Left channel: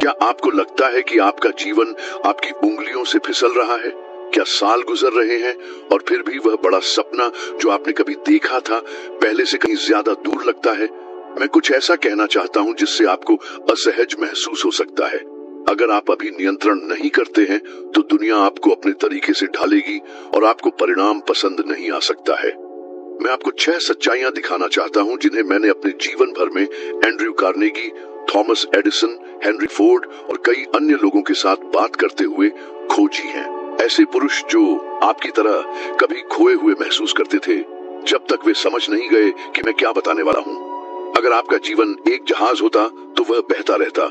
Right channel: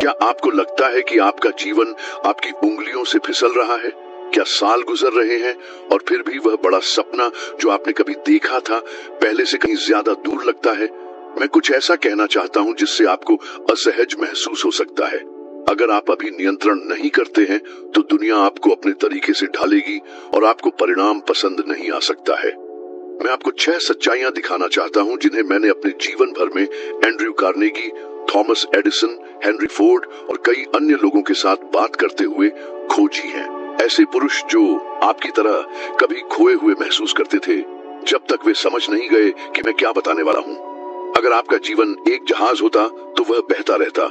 क्या आपको लगता है कि आपका जीवन आपकी उंगलियों से फिसल रहा है? क्या साल गुजर रहे हैं और फिर भी वह बड़ा सपना जो आपने कभी देखा था पहले से कहीं ज्यादा दूर लगता है? मैं कुछ ऐसा कहना चाहता हूं जिससे आपको असहज महसूस हो सकता है। अगर आप अभी नियंत्रण नहीं करते हैं तो दुनिया आपको अपने तरीके से ढालेगी और आपको परिणाम पसंद नहीं आ सकता है। मैं आपको 6 सच्चाइयां दिखाना चाहता हूं जिन्हें मैंने अपने जीवन भर में Andrew Carnegie, Thomas Edison, Henry Ford और कई अन्य लोगों के साथ बात करते हुए खोजी है। ऐसे पुरुष जो आपकी तरह कभी खोए हुए महसूस करते थे जब तक वे समझ नहीं गए कि मैं क्या बताने वाला हूँ। अगर आपका जीवन एक जहाज होता तो वह बहता रहता,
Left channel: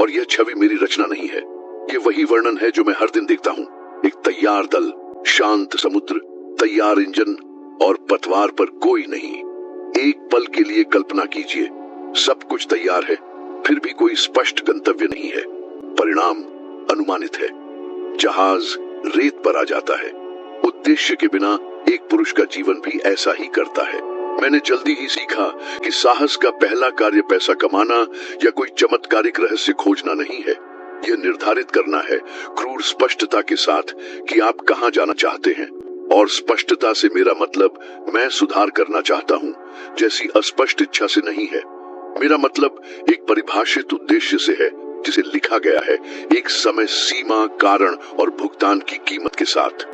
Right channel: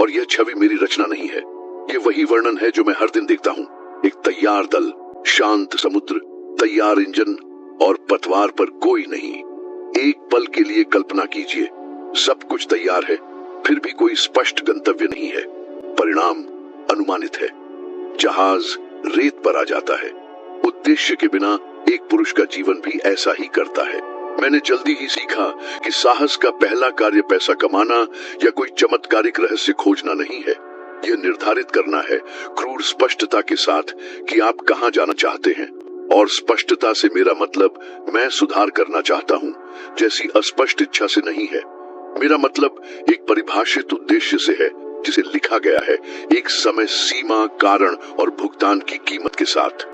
और यह छवि मेरी रचना नहीं है। ये वही वर्णन है जो मैं हर दिन देखता हूँ। एक तैयार दल, शांत समुद्र, तैयार इंजन और पतवार पर कोई नहीं। एक पल के लिए कल्पना कीजिए, सब कुछ तैयार है, फिर भी कोई स्पष्ट गंतव्य नहीं है। परिणाम अनुमानित है। जहाज रेत पर आ जाता है। उद्देश्य के बिना एक पुरुष का जीवन भी ऐसा ही करता है। मैंने जल्दी ही सीखा कि साहस का पहला कार्य पैसा कमाना या कोई चमत्कारिक रहस्य खोजना नहीं है। यह निर्धारित करना है क्रूर स्पष्टता के साथ कि आप कहां जाना चाहते हैं। और स्पष्टता से मेरा मतलब मैं सुधार करना चाहता हूं जैसी अस्पष्ट इच्छा से नहीं है। मेरा मतलब एक परिभाषित उद्देश्य से है जिसे लिखा गया है एक समय सीमा, कारण और भुगतान की कीमत के साथ।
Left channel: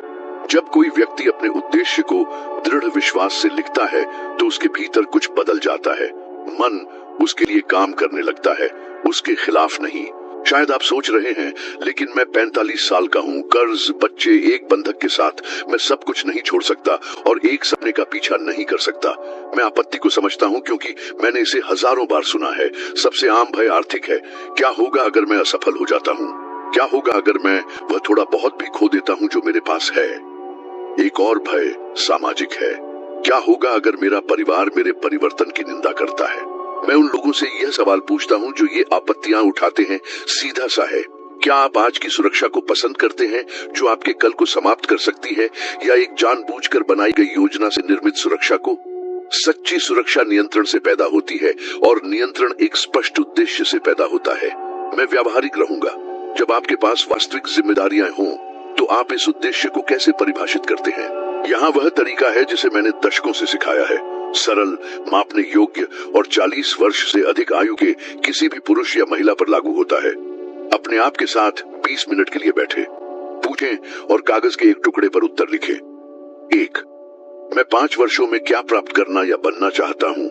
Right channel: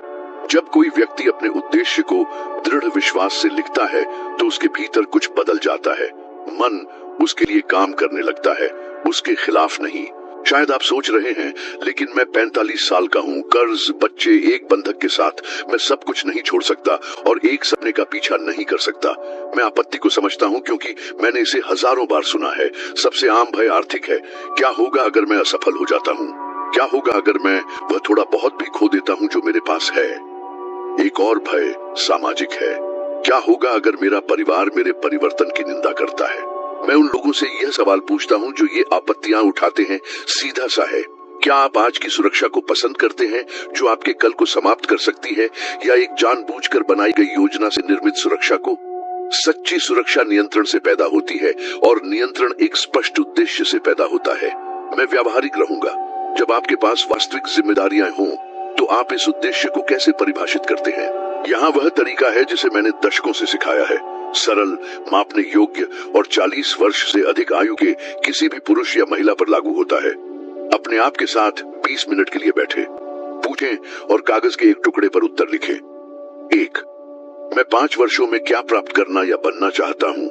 जब कोई व्यक्ति अपने उद्देश्य को दृढ़ विश्वास से लिखता है तो उसके भीतर कुछ बदल जाता है। मन उसके लिए काम करने लगता है, उसके खिलाफ नहीं। शायद आप सोच रहे हैं, लेकिन मैं 45 साल का हूँ, कर्ज, बच्चे, एक बंधक के साथ मैं सब कुछ नहीं छोड़ सकता और एक सपने का पीछा नहीं कर सकता। मैं आपत्ति को समझता हूँ क्योंकि मैंने इसे हजारों बार सुना है। सबसे आम भय आर्थिक है। क्या होगा अगर मैं असफल हो जाता हूँ? क्या होगा अगर मैं वह थोड़ा बहुत भी खो देता हूँ जो मेरे पास है? एक और भय सामाजिक है। क्या होगा अगर मेरा परिवार मेरे परिवर्तन की निंदा करता है? मैं उन लोगों से यह सवाल पूछता हूँ जो ये आपत्तियां उठाते हैं। सीधा सा है, क्या आप आज की सुरक्षा को पसंद करते हैं जो आपके कल को समाप्त कर सकती है, या एक जानबूझकर बनाई गई योजना से निर्मित सुरक्षा को? सच्ची सुरक्षा नियंत्रण से पैदा होती है और नियंत्रण एक स्पष्ट उद्देश्य से पैदा होता है। मैं व्यावहारिक रहूंगा। जब आपके पास वास्तविक जिम्मेदारियां हों तो आप इस उद्देश्य को कैसे परिभाषित करते हैं? यहाँ वह तरीका है जिसे मैंने दशकों से सिखाया है। सरल, मापने योग्य और 40 वर्ष से अधिक आयु के किसी भी पुरुष या महिला पर लागू होता है। अपने आप के साथ 20 मिनट के लिए बैठे, पूछें और कागज के एक टुकड़े पर उत्तर लिखें। 1. मैं 5 वर्षों में क्या प्राप्त करना या बनना चाहता हूँ?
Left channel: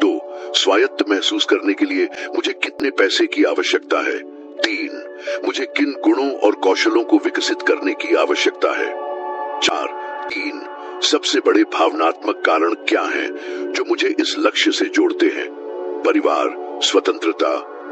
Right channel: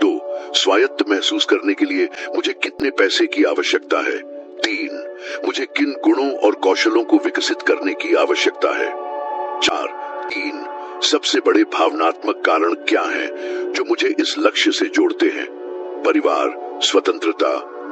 2. स्वायत्त महसूस करने के लिए मुझे कितने पैसे की आवश्यकता है? 3. मुझे किन गुणों और कौशलों को विकसित करने की आवश्यकता है? 4. 3. सबसे बड़े भावनात्मक कारण क्या हैं जो मुझे इस लक्ष्य से जोड़ते हैं? परिवार, स्वतंत्रता,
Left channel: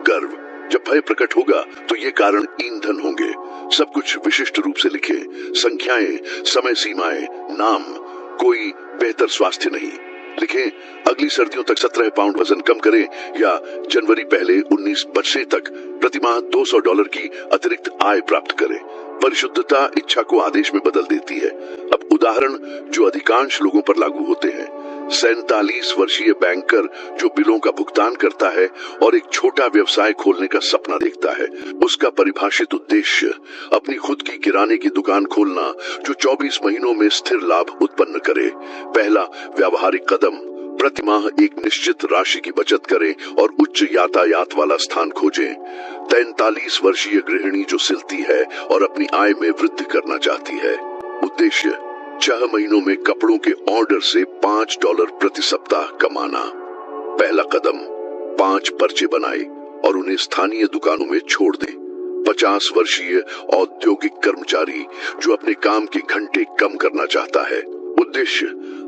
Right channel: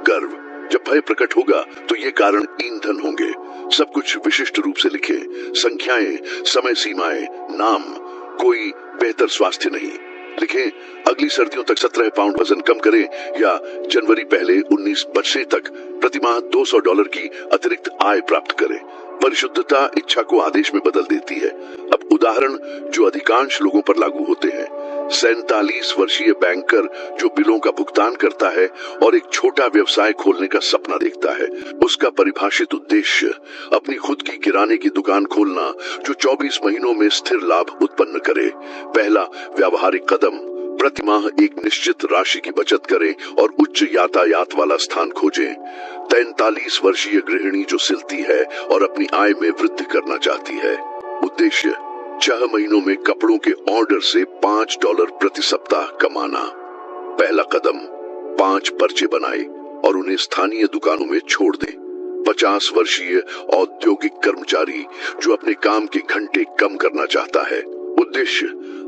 गर्व। जब भय प्रकट होगा तो ये कारण ईंधन होंगे। सब कुछ विशिष्ट रूप से लिखे, संख्याएं, समय सीमाएं, नाम। कोई बेहतर स्वास्थ्य नहीं। लिखें, अगली सर्दियों तक 17 पाउंड वजन कम करें, या जनवरी पहले 19 बरसे तक प्रतिमाह $200 की अतिरिक्त आय प्राप्त करें। परिशुद्धता इच्छा को आदेश में बदल देती है। अब उदाहरण जो अधिकांश लोगों पर लागू होते हैं। 47 वर्षीय बैंकर जो बिलों का भुगतान करता है और एक छोटा व्यवसाय खोलने का सपना देखता है। उसका परिभाषित उद्देश्य अपनी खुद की किराने की दुकान खोलना जो 24 महीनों में स्थिर लाभ उत्पन्न करे। पहला व्यावहारिक कदम, प्रतिमाह एक निश्चित राशि की बचत करे और उच्च यातायात वाला स्थान खोजे। 43 वर्षीय गृहिणी जो सिलती है और अपनी आय में वृद्धि करना चाहती है। उद्देश्य 6 महीनों में कपड़ों के ऑर्डर से $5 प्रति सप्ताह कमाना। पहला कदम, 5 पर्चे बनाए और उन्हें स्थानीय दुकानों में छोड़ दें। 50 वर्षीय औद्योगिक कर्मचारी जो अपने काम के घंटे कम करना चाहता है। उद्देश्य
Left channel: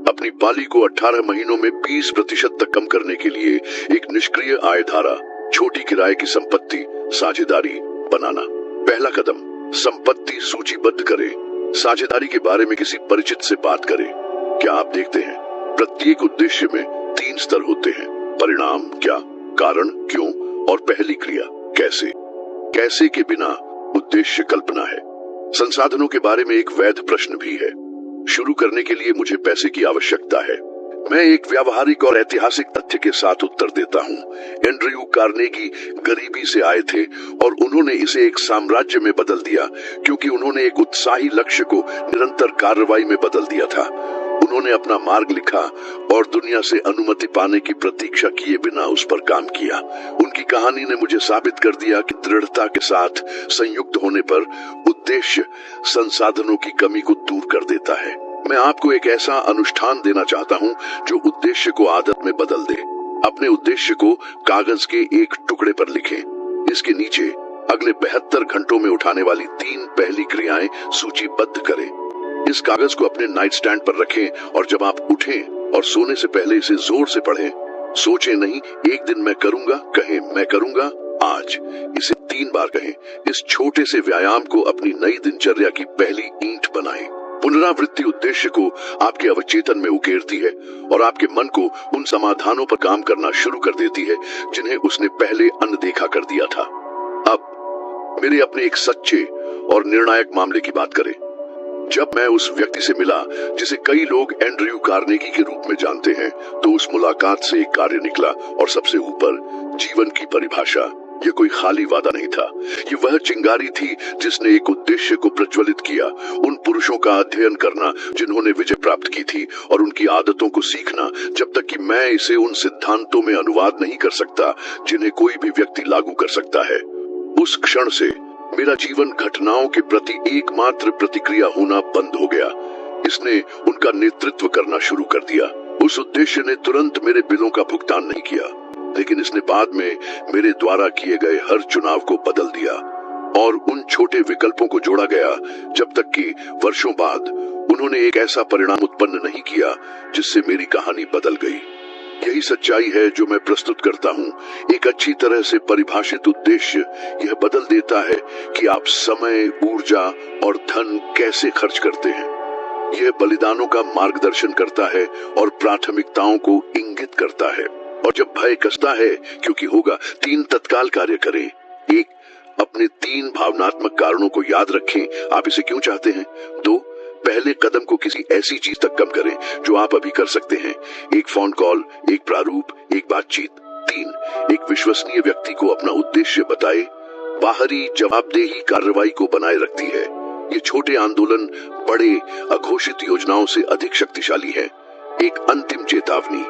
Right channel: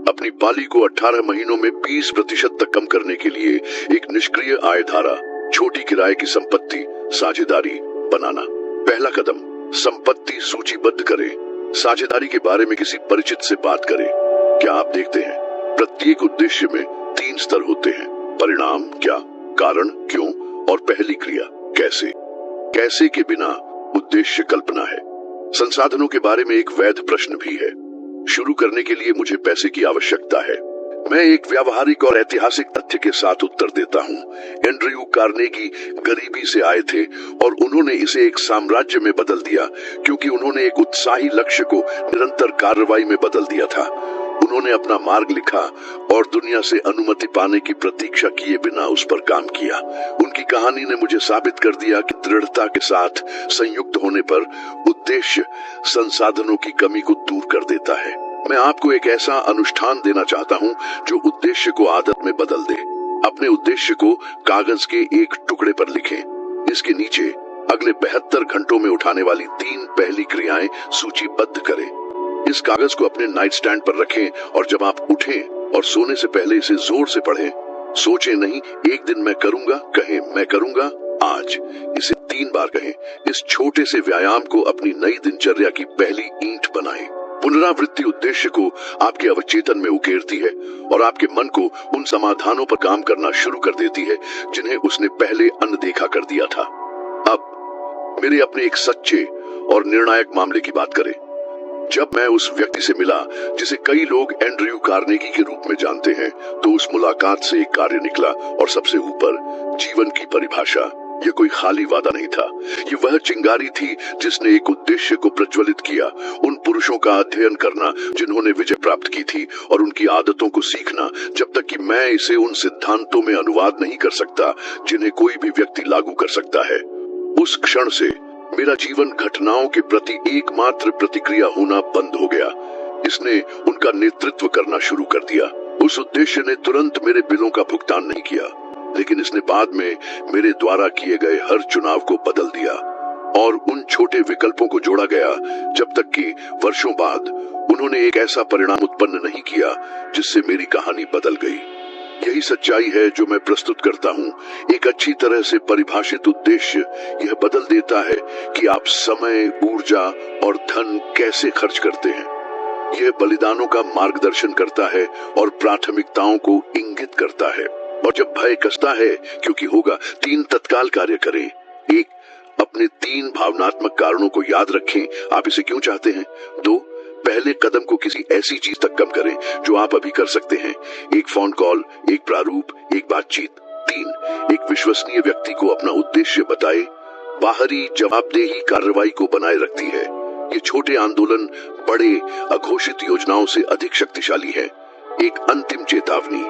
अपनी पाली को 18 महीनों में 20% तक कम करने के लिए एक निष्क्रिय आय धारा, छोटी किराए की संपत्ति, साझेदारी बनाना। पहला कदम, संपत्ति सूचीबद्ध करें। साझेदारी के बारे में किसी परिचित से बात करें। क्या आप देखते हैं, प्रत्येक उद्देश्य में 3 स्तर होते हैं। परिणाम क्या, कारण क्यों और पहली क्रिया कैसे। कैसे के बिना उद्देश्य कल्पना है। संसाधनों के बारे में एक वैध प्रश्न भी है। शुरू करने के लिए मुझे पैसे की आवश्यकता है। मैं एक व्यावहारिक और ऐतिहासिक तथ्य के साथ उत्तर देता हूँ। एंड्रयू कार्नेगी गरीबी से आए थे और उन्होंने इसे एक साम्राज्य में बदल दिया क्योंकि उन्होंने एक उत्साही लक्ष्य को निरंतर कार्रवाई में बदल दिया था। उन्होंने अपना मार्ग लिखा और दुनिया से अनुमति पाने की प्रतीक्षा किए बिना उस पर काम किया। उनकी कहानी ने मुझे साबित कर दिया कि दृढ़ता के साथ संयुक्त होने पर उद्देश्य संसाधनों की कमी को दूर कर देता है। मैं आपको एक ऐसा अनुष्ठान देना चाहता हूँ जो उद्देश्य को आदत में बदल दे। अपने उद्देश्य को कागज के एक टुकड़े पर लिखें। इसके नीचे अगले 72 घंटों में उठाने वाली 3 पहली क्रियाएं सूचीबद्ध करें। इस कागज को अपने नाइट स्टैंड पर रखें और जब आप उठें और सोने से पहले इसे जोर से पढ़ें। सोचें नहीं, एक दिन मैं करूंगा, कहें मैं करूंगा आज। इसे 3 बार कहें। इस छोटे से व्यायाम को अपनी नई दिनचर्या की पहली ईंट बनाएं। पुनरावृत्ति उद्देश्य को आपके अवचेतन में उकेरती है और आपके मन को उन समाधानों पर काम करना शुरू कर देती है जिन्हें उसने पहले अनदेखा कर दिया था। अब मेरे अपने एक सच्चे और निर्णायक मामले की बात करें। जब मैं उस व्यक्ति से मिला जिसे कई लोग एंड्रयू कार्नेगी के रूप में जानते हैं, तो उस मुलाकात से एक कार्य निकला और सबसे ऊपर जीवन की परिभाषा। ये कोई खाली वादा नहीं था, ये वह चिंगारी थी जिसने एक उद्देश्य को प्रज्वलित किया। उन पुरुषों का अध्ययन करना जिन्होंने विजय प्राप्त की थी और उनकी आदतों को सीखना, जब तक कि मैं इसे उन सिद्धांतों में अनुवाद नहीं कर सकता जिन्हें कोई भी व्यक्ति लागू कर सकता है। उस क्षण से मेरा जीवन घटनाओं के प्रति एकमात्र प्रतिक्रिया होना बंद हो गया। इसने उनका नेतृत्व करना शुरू कर दिया। उस उद्देश्य ने तुरंत मेरे बिलों का भुगतान नहीं किया, लेकिन इसने बाद में मेरे द्वारा किए गए हर चुनाव को बदल दिया और उन छोटे विकल्पों को जोड़ा गया, जब तक कि वर्षों बाद उन्होंने एक ऐसा परिणाम उत्पन्न नहीं किया जिससे मेरी कहानी बदल गई। यही सच्चाई है जो मैं प्रस्तुत करता हूँ। एक अच्छी तरह से परिभाषित उद्देश्य यह बदल देता है कि आप समय, ऊर्जा और धन कैसे खर्च करते हैं। यह बलिदानों का मार्गदर्शन करता है और प्राथमिकताओं को इंगित करता है। और जब भय कसता है, क्योंकि होगा, 3 तत्काल कार्य करें। 1, अपने 3 भावनात्मक कारणों को याद रखें। आप इसे क्यों चाहते हैं। 2, पहले कदम को किसी ऐसी चीज तक कम करें जो आप अभी कर सकते हैं। 1 फोन कॉल, 1 प्रारूप, 1 बातचीत। 3, एक विश्वसनीय व्यक्ति को अपना उद्देश्य बताए। बाहरी जवाबदेही कार्रवाई को बनाए रखती है। ये छोटे आंदोलन बड़े अघोषित योजनाओं से अधिक शक्तिशाली है। एक अंतिम चेतावनी,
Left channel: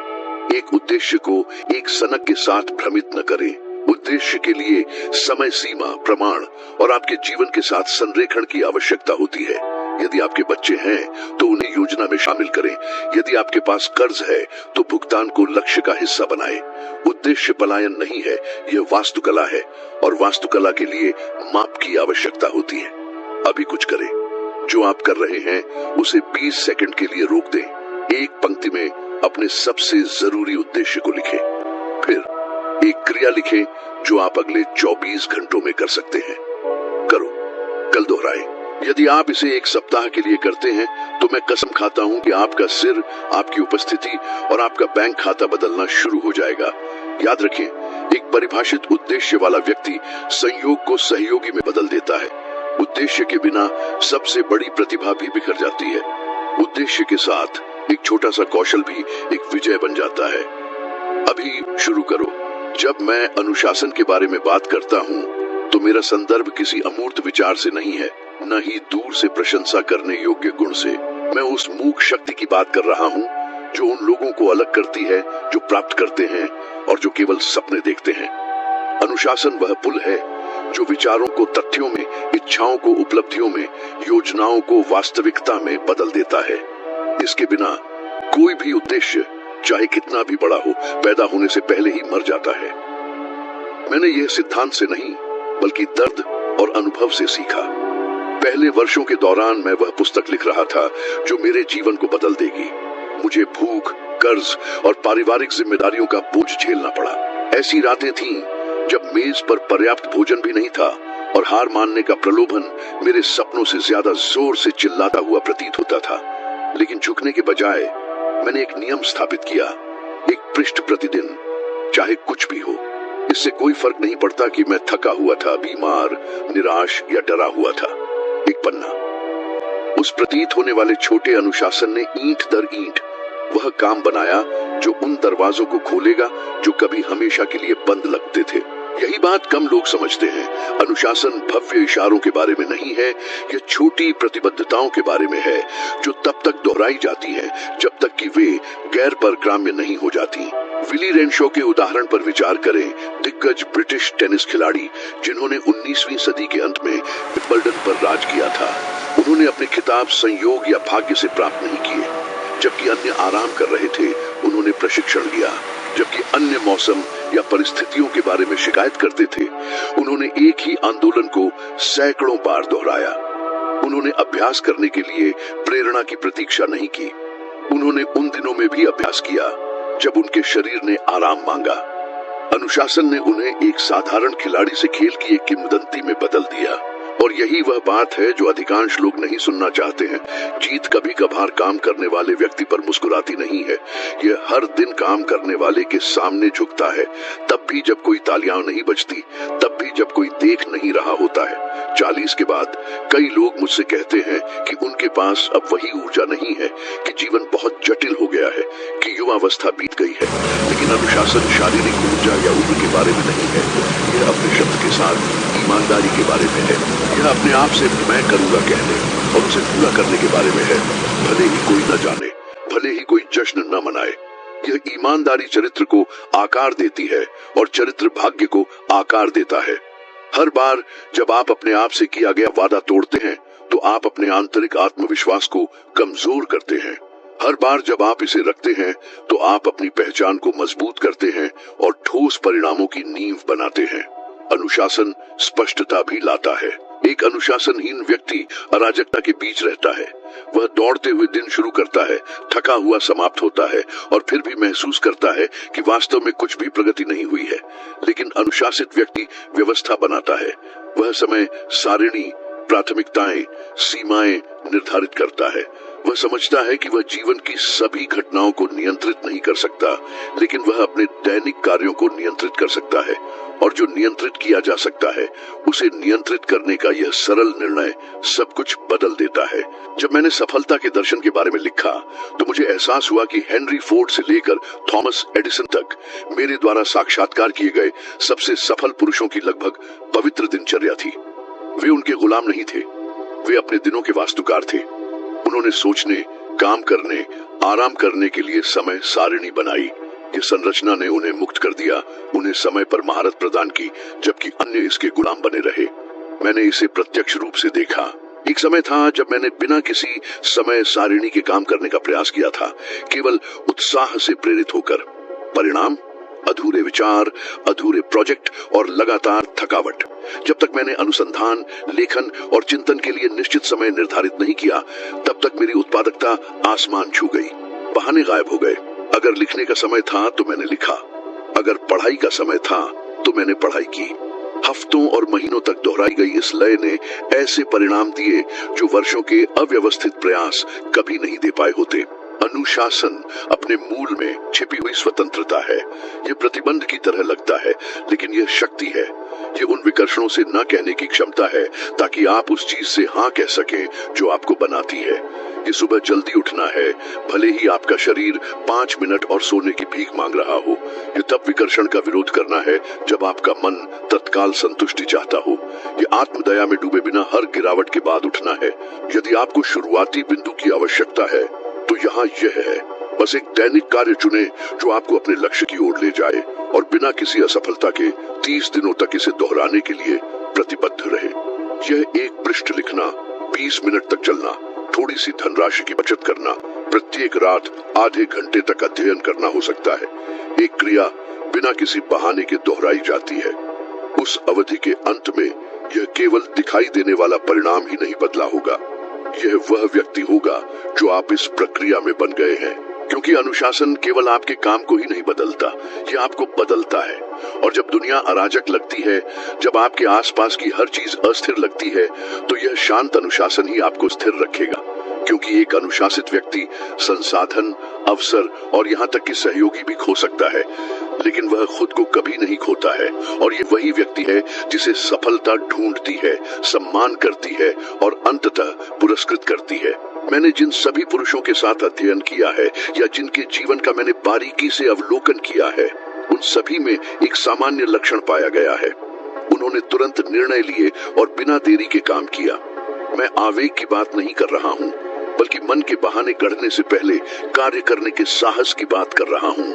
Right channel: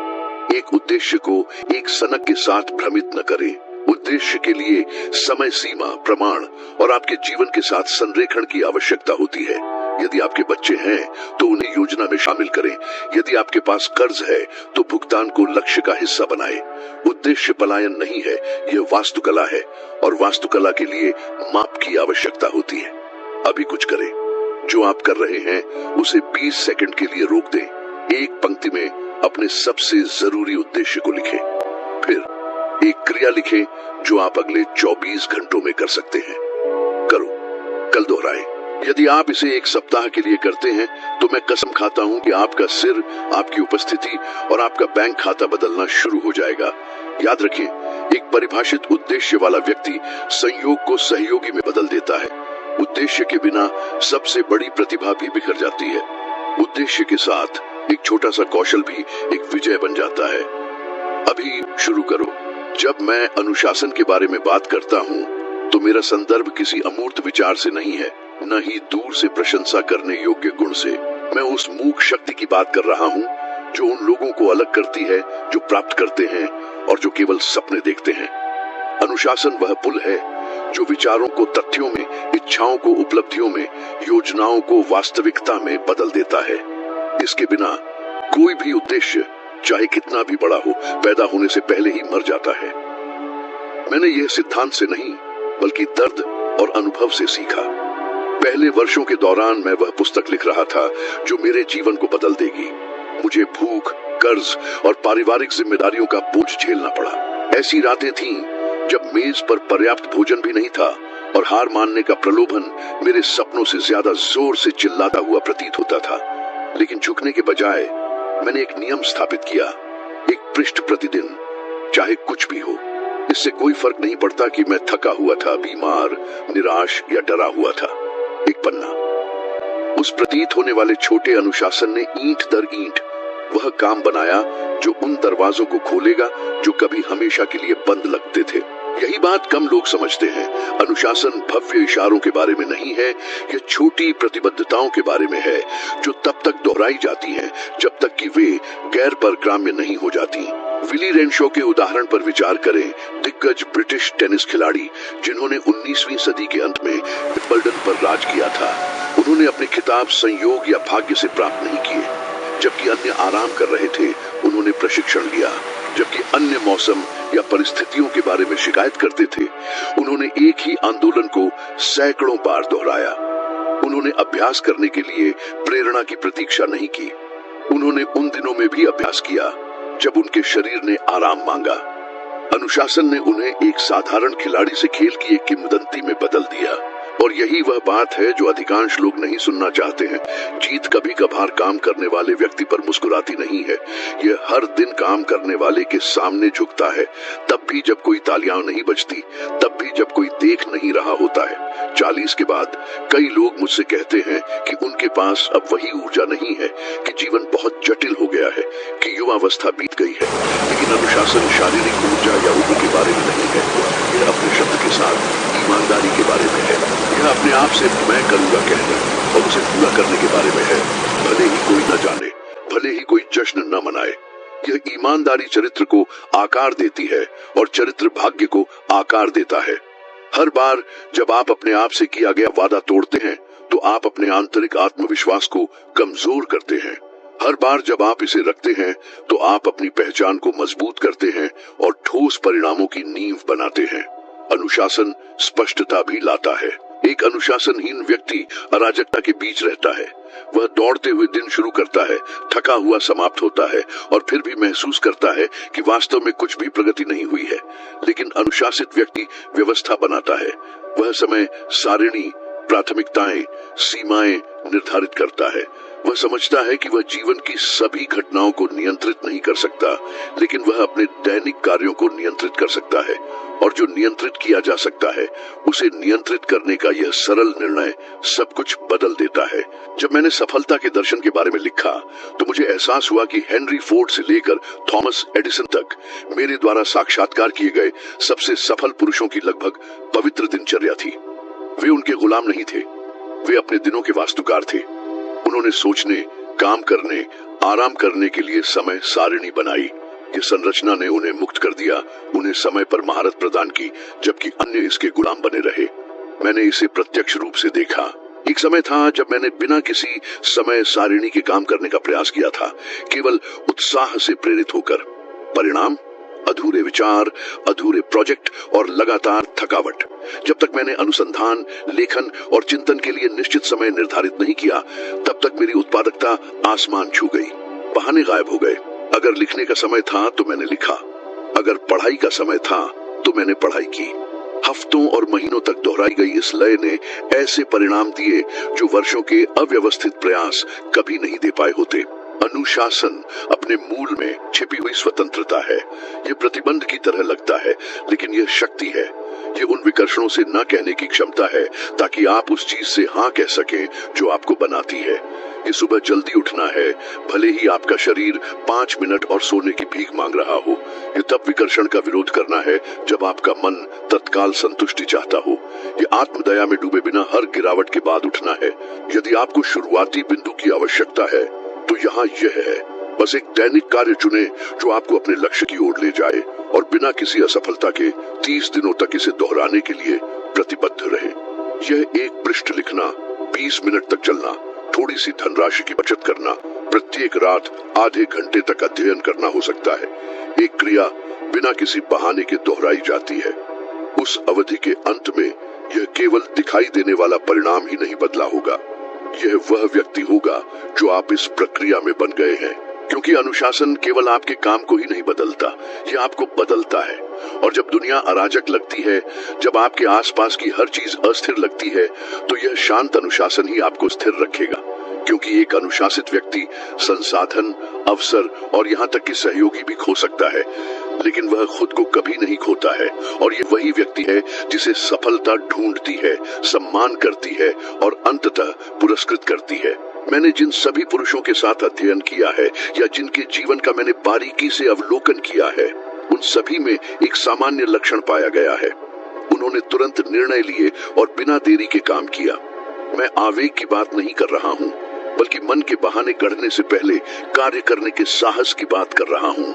एक उद्देश्य को एक सनक के साथ भ्रमित न करें। उद्देश्य के लिए समय सीमा, प्रमाण और आपके जीवन के साथ संरेखण की आवश्यकता होती है। यदि आपके बच्चे हैं तो उन्हें योजना में शामिल करें। यदि आपके पास कर्ज है तो भुगतान को लक्ष्य का हिस्सा बनाएं। उद्देश्य पलायन नहीं है, यह वास्तुकला है और वास्तुकला के लिए माप की आवश्यकता होती है। अभी कुछ करें। जो आप कर रहे हैं उसे 20 सेकंड के लिए रोक दें। एक पंक्ति में अपने सबसे जरूरी उद्देश्य को लिखें। फिर एक क्रिया लिखें जो आप अगले 24 घंटों में कर सकते हैं। करो, कल दोहराएं। यदि आप इसे 1 सप्ताह के लिए करते हैं तो मैं कसम खाता हूं कि आपका सिर, आपकी उपस्थिति और आपका बैंक खाता बदलना शुरू हो जाएगा। याद रखिए, एक परिभाषित उद्देश्य वाला व्यक्ति संयोग को सहयोगी में बदल देता है। उद्देश्य के बिना सबसे बड़ी प्रतिभा भी बिखर जाती है। उद्देश्य के साथ एक छोटा सा कौशल भी एक विजय बन जाता है। अभी शुरू करो। जब मैं अनुशासन के बारे में बात करता हूँ तो मेरा संदर्भ किसी अमूर्त विचार से नहीं है, न ही दूर से प्रशंसा करने योग्य गुण से। मैं उस मूक शक्ति की बात कर रहा हूँ जो उन लोगों को अलग करती है जो प्राप्त करते हैं और जो केवल सपने देखते हैं। अनुशासन वह पुल है जो विचारों को तथ्यों में, इच्छाओं को उपलब्धियों में, योजनाओं को वास्तविकता में बदल देता है। इसके बिना कोई भी उद्देश्य, चाहे कितना भी बड़ा हो, पैदा होने से पहले ही मर जाता है। मैंने यह सिद्धांत से नहीं बल्कि दर्द और अनुभव से सीखा। पहले वर्षों के दौरान मैं वह पुस्तक लिख रहा था जो मेरे जीवन को बदल देगी। मुझे भूख, कर्ज और पारिवारिक जिम्मेदारियों का बोझ झेलना पड़ा। ऐसी रातें थीं जब मेज पर पर्याप्त भोजन भी नहीं था और हार मानने का प्रलोभन मेरे सपनों से ज्यादा जोर से चिल्लाता हुआ प्रतीत होता था। लेकिन झुकने के बजाय मैंने एक नियम स्थापित किया। 1 पृष्ठ प्रतिदिन, चाहे कुछ भी हो। इससे कोई फर्क नहीं पड़ता कि मैं थका हुआ था, बीमार, निराश या डरा हुआ था। 1 पन्ना। उस प्रतीत होने वाले छोटे अनुशासन ने ईंट दर ईंट वह काम बनाया जो उन दरवाजों को खोलेगा जो कभी हमेशा के लिए बंद लगते थे। यही बात कम लोग समझते हैं। अनुशासन भव्य इशारों के बारे में नहीं है, यह छोटी प्रतिबद्धताओं के बारे में है जो तब तक दोहराई जाती है जब तक कि वे गैर परक्राम्य नहीं हो जाती। विली रेनशॉ के उदाहरण पर विचार करें। दिग्गज ब्रिटिश टेनिस खिलाड़ी जिन्होंने 19वीं सदी के अंत में विंबलडन पर राज किया था, उन्होंने अपने खिताब संयोग या भाग्य से प्राप्त नहीं किए। जबकि अन्य आराम कर रहे थे, उन्होंने प्रशिक्षण लिया। जबकि अन्य मौसम या परिस्थितियों के बारे में शिकायत करते थे, उन्होंने एक ही आंदोलन को सैकड़ों बार दोहराया। उन्होंने अभ्यास करने के लिए प्रेरणा की प्रतीक्षा नहीं की। उन्होंने उन दिनों में भी अभ्यास किया जब उनके शरीर ने आराम मांगा। अनुशासन ने उन्हें एक साधारण खिलाड़ी से खेल की एक किंवदंती में बदल दिया। और यही वह बात है जो अधिकांश लोग नहीं सुनना चाहते हैं। जीत कभी कभार काम करने वाले व्यक्ति पर मुस्कुराती नहीं है, यह हर दिन काम करने वाले के सामने झुकता है, तब भी जब कोई तालियां नहीं बजती, तब भी जब कोई देख नहीं रहा होता है। 40 के बाद कई लोग मुझसे कहते हैं कि उनके पास अब वही ऊर्जा नहीं है, कि जीवन बहुत जटिल हो गया है, कि युवावस्था बीत गई है। लेकिन अनुशासन शारीरिक ऊर्जा या उम्र के बारे में नहीं है, यह अपने शब्द के साथ ईमानदारी के बारे में है। यह अपने आप से मैं करूंगा कहकर हमसे पूरा करने के बारे में है, भले ही कोई न जाने, भले ही कोई जश्न न मनाए। यह ईमानदारी चरित्र को आकार देती है और चरित्र भाग्य को आकार देता है। हर बार जब आप अपने आप से किया गया वादा तोड़ते हैं तो आप अपने आंतरिक आत्मविश्वास को कमजोर करते हैं। हर बार जब आप इसे रखते हैं तो आप अपनी पहचान को मजबूत करते हैं और ठोस परिणामों की नींव बनाते हैं। अनुशासन स्पष्टता भी लाता है। एक अनुशासनहीन व्यक्ति अराजकता के बीच रहता है। वह दौड़ते हुए दिन शुरू करता है, थका हुआ समाप्त होता है और फिर भी महसूस करता है कि वास्तव में कुछ भी प्रगति नहीं हुई है। लेकिन अनुशासित व्यक्ति व्यवस्था बनाता है। वह समय सारिणी, प्राथमिकताएं, सीमाएं निर्धारित करता है। वह समझता है कि वह जीवन की सभी घटनाओं को नियंत्रित नहीं कर सकता, लेकिन वह अपने दैनिक कार्यों को नियंत्रित कर सकता है। और जो नियंत्रित किया जा सकता है, उसे नियंत्रित करने का यह सरल निर्णय सब कुछ बदल देता है। जब मैंने सफलता के दर्शन के बारे में लिखा तो मुझे एहसास हुआ कि हेनरी फोर्ड से लेकर थॉमस एडिसन तक मेरे द्वारा साक्षात्कार किए गए सबसे सफल पुरुषों की लगभग पवित्र दिनचर्या थी। वे उनके गुलाम नहीं थे, वे अपने दिनों के वास्तुकार थे। उन्होंने सोचने, काम करने, आराम करने के लिए समय सारिणी बनाई। इस संरचना ने उन्हें मुक्त कर दिया, उन्हें समय पर महारत प्रदान की, जबकि अन्य इसके गुलाम बने रहे। मैंने इसे प्रत्यक्ष रूप से देखा। एक समय था जब मैंने बिना किसी समय सारिणी के काम करने का प्रयास किया था, केवल उत्साह से प्रेरित होकर। परिणाम? अधूरे विचार, अधूरे प्रोजेक्ट और लगातार थकावट। जब तक मैंने अनुसंधान, लेखन और चिंतन के लिए निश्चित समय निर्धारित नहीं किया, तब तक मेरी उत्पादकता आसमान छू गई। बहाने गायब हो गए। अगर लिखने का समय था तो मैंने लिखा, अगर पढ़ाई का समय था तो मैंने पढ़ाई की। हफ्तों और महीनों तक दोहराई गई इस लय ने ऐसे परिणाम दिए जो वर्षों के अव्यवस्थित प्रयास कभी नहीं दे पाए होते। अनुशासन अपने मूल में छिपी हुई स्वतंत्रता है। यह प्रतिबंध की तरह लगता है, लेकिन यह शक्ति है। ये उन विकर्षणों से न कहने की क्षमता है ताकि आप उस चीज से हाँ कह सकें जो आपको बनाती है। ये सुबह जल्दी उठना है, भले ही आपका शरीर 5 मिनट और सोने की भीख मांग रहा हो। ये तब विकर्षण का विरोध करना है जब आपका मन तत्काल संतुष्टि चाहता हो। ये आत्मदया में डूबे बिना हर गिरावट के बाद उठना है। यदि आपको शुरुआती बिंदु की आवश्यकता है तो यहाँ यह है, बस एक दैनिक कार्य चुने जो आपको अपने लक्ष्य की ओर ले जाए और बिना किसी असफलता के 30 दिनों तक इसे दोहराने के लिए प्रतिबद्ध रहे। यह एक पृष्ठ लिखना, 20 मिनट तक चलना, थोड़ी सी धनराशि की बचत करना, प्रत्येक रात आधे घंटे तक अध्ययन करना हो सकता है। एक क्रिया बिना किसी बहाने के दोहराई जाती है। उस अवधि के अंत में यह केवल दिखाई देने वाला परिणाम ही नहीं बदला होगा, यह वह व्यक्ति होगा जो आप इस प्रक्रिया में बन गए हैं। क्योंकि अनुशासन केवल आपके काम को ही नहीं बदलता, यह आपको बदलता है। और जब दुनिया अराजक लगती है, जब आपके आसपास की हर चीज अस्थिर लगती है, तो यह शांत अनुशासन ही आपको स्थिर रखेगा। क्योंकि एक अनुशासित व्यक्ति संसाधन, अवसर और यहाँ तक कि सहयोगी भी खो सकता है, लेकिन वह खुद को कभी नहीं खोता है। और ये वही व्यक्ति है जिसे सफलता ढूंढती है, सम्मान करती है और अंततः पुरस्कृत करती है। मैंने जिन सभी पुरुषों के साथ अध्ययन किया है या जिनके जीवन का मैंने बारीकी से अवलोकन किया है, उन सभी में एक सामान्य लक्षण पाया गया है। उन्होंने तुरंत निर्णय लिए और बिना देरी के काम किया। मैं आवेग की बात नहीं कर रहा हूँ, बल्कि मन के बहाने गढ़ने से पहले कार्य करने के साहस की बात कर रहा हूँ।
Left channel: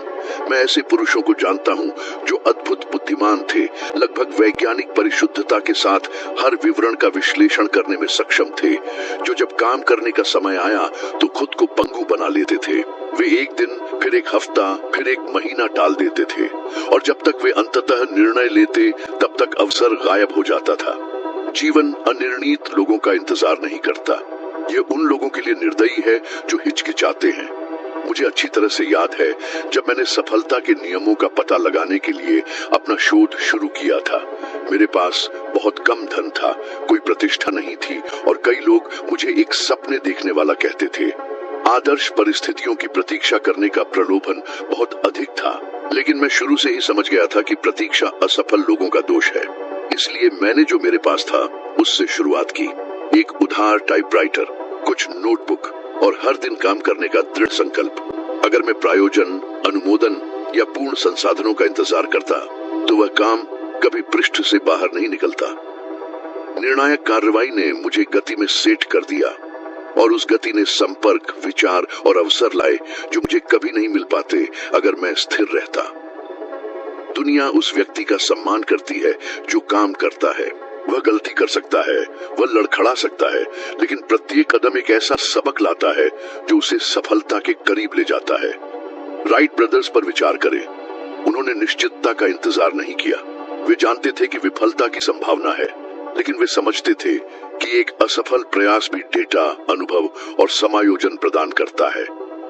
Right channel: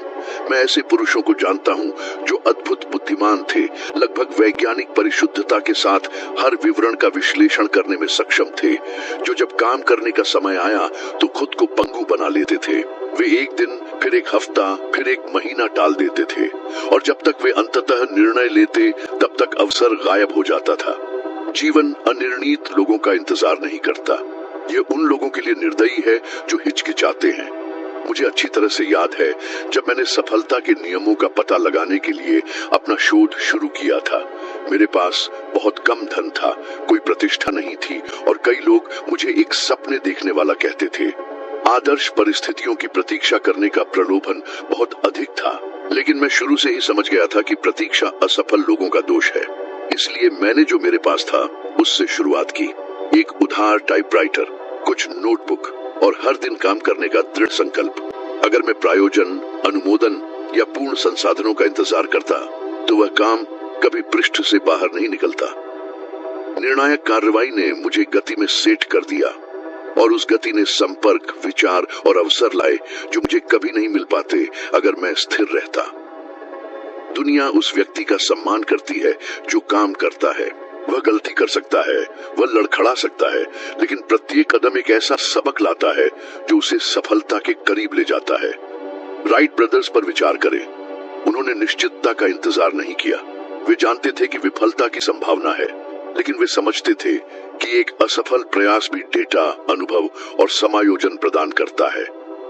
मैं ऐसे पुरुषों को जानता हूँ जो अद्भुत बुद्धिमान थे, लगभग वैज्ञानिक परिशुद्धता के साथ हर विवरण का विश्लेषण करने में सक्षम थे, जो जब काम करने का समय आया तो खुद को पंगु बना लेते थे। वे एक दिन, फिर एक हफ्ता, फिर एक महीना टाल देते थे और जब तक वे अंततः निर्णय लेते तब तक अवसर गायब हो जाता था। जीवन अनिर्णीत लोगों का इंतजार नहीं करता। ये उन लोगों के लिए निर्दयी है जो हिचकिचाते हैं। मुझे अच्छी तरह से याद है जब मैंने सफलता के नियमों का पता लगाने के लिए अपना शोध शुरू किया था। मेरे पास बहुत कम धन था, कोई प्रतिष्ठा नहीं थी और कई लोग मुझे एक सपने देखने वाला कहते थे। आदर्श परिस्थितियों की प्रतीक्षा करने का प्रलोभन बहुत अधिक था, लेकिन मैं शुरू से ही समझ गया था कि प्रतीक्षा असफल लोगों का दोष है। इसलिए मैंने जो मेरे पास था उससे शुरुआत की। एक उधार टाइपराइटर, कुछ नोटबुक और हर दिन काम करने का दृढ़ संकल्प। अगर मैं प्रायोजन, अनुमोदन या पूर्ण संसाधनों का इंतजार करता तो वह काम कभी पृष्ठ से बाहर नहीं निकलता। निर्णायक कार्रवाई ने मुझे गति में सेट कर दिया और उस गति ने संपर्क, विचार और अवसर लाए जो मुझे कभी नहीं मिल पाते अगर मैं स्थिर रहता। दुनिया उस व्यक्ति का सम्मान करती है जो काम करता है। वह गलती कर सकता है, वह लड़खड़ा सकता है, लेकिन प्रत्येक कदम एक ऐसा सबक लाता है जो उसे सफलता के करीब ले जाता है। राइट ब्रदर्स पर विचार करें। उन्होंने निश्चितता का इंतजार नहीं किया। वे जानते थे कि विफलता की संभावना है, लेकिन वे समझते थे कि एक असफल प्रयास भी डेटा, अनुभव और समायोजन प्रदान करता है।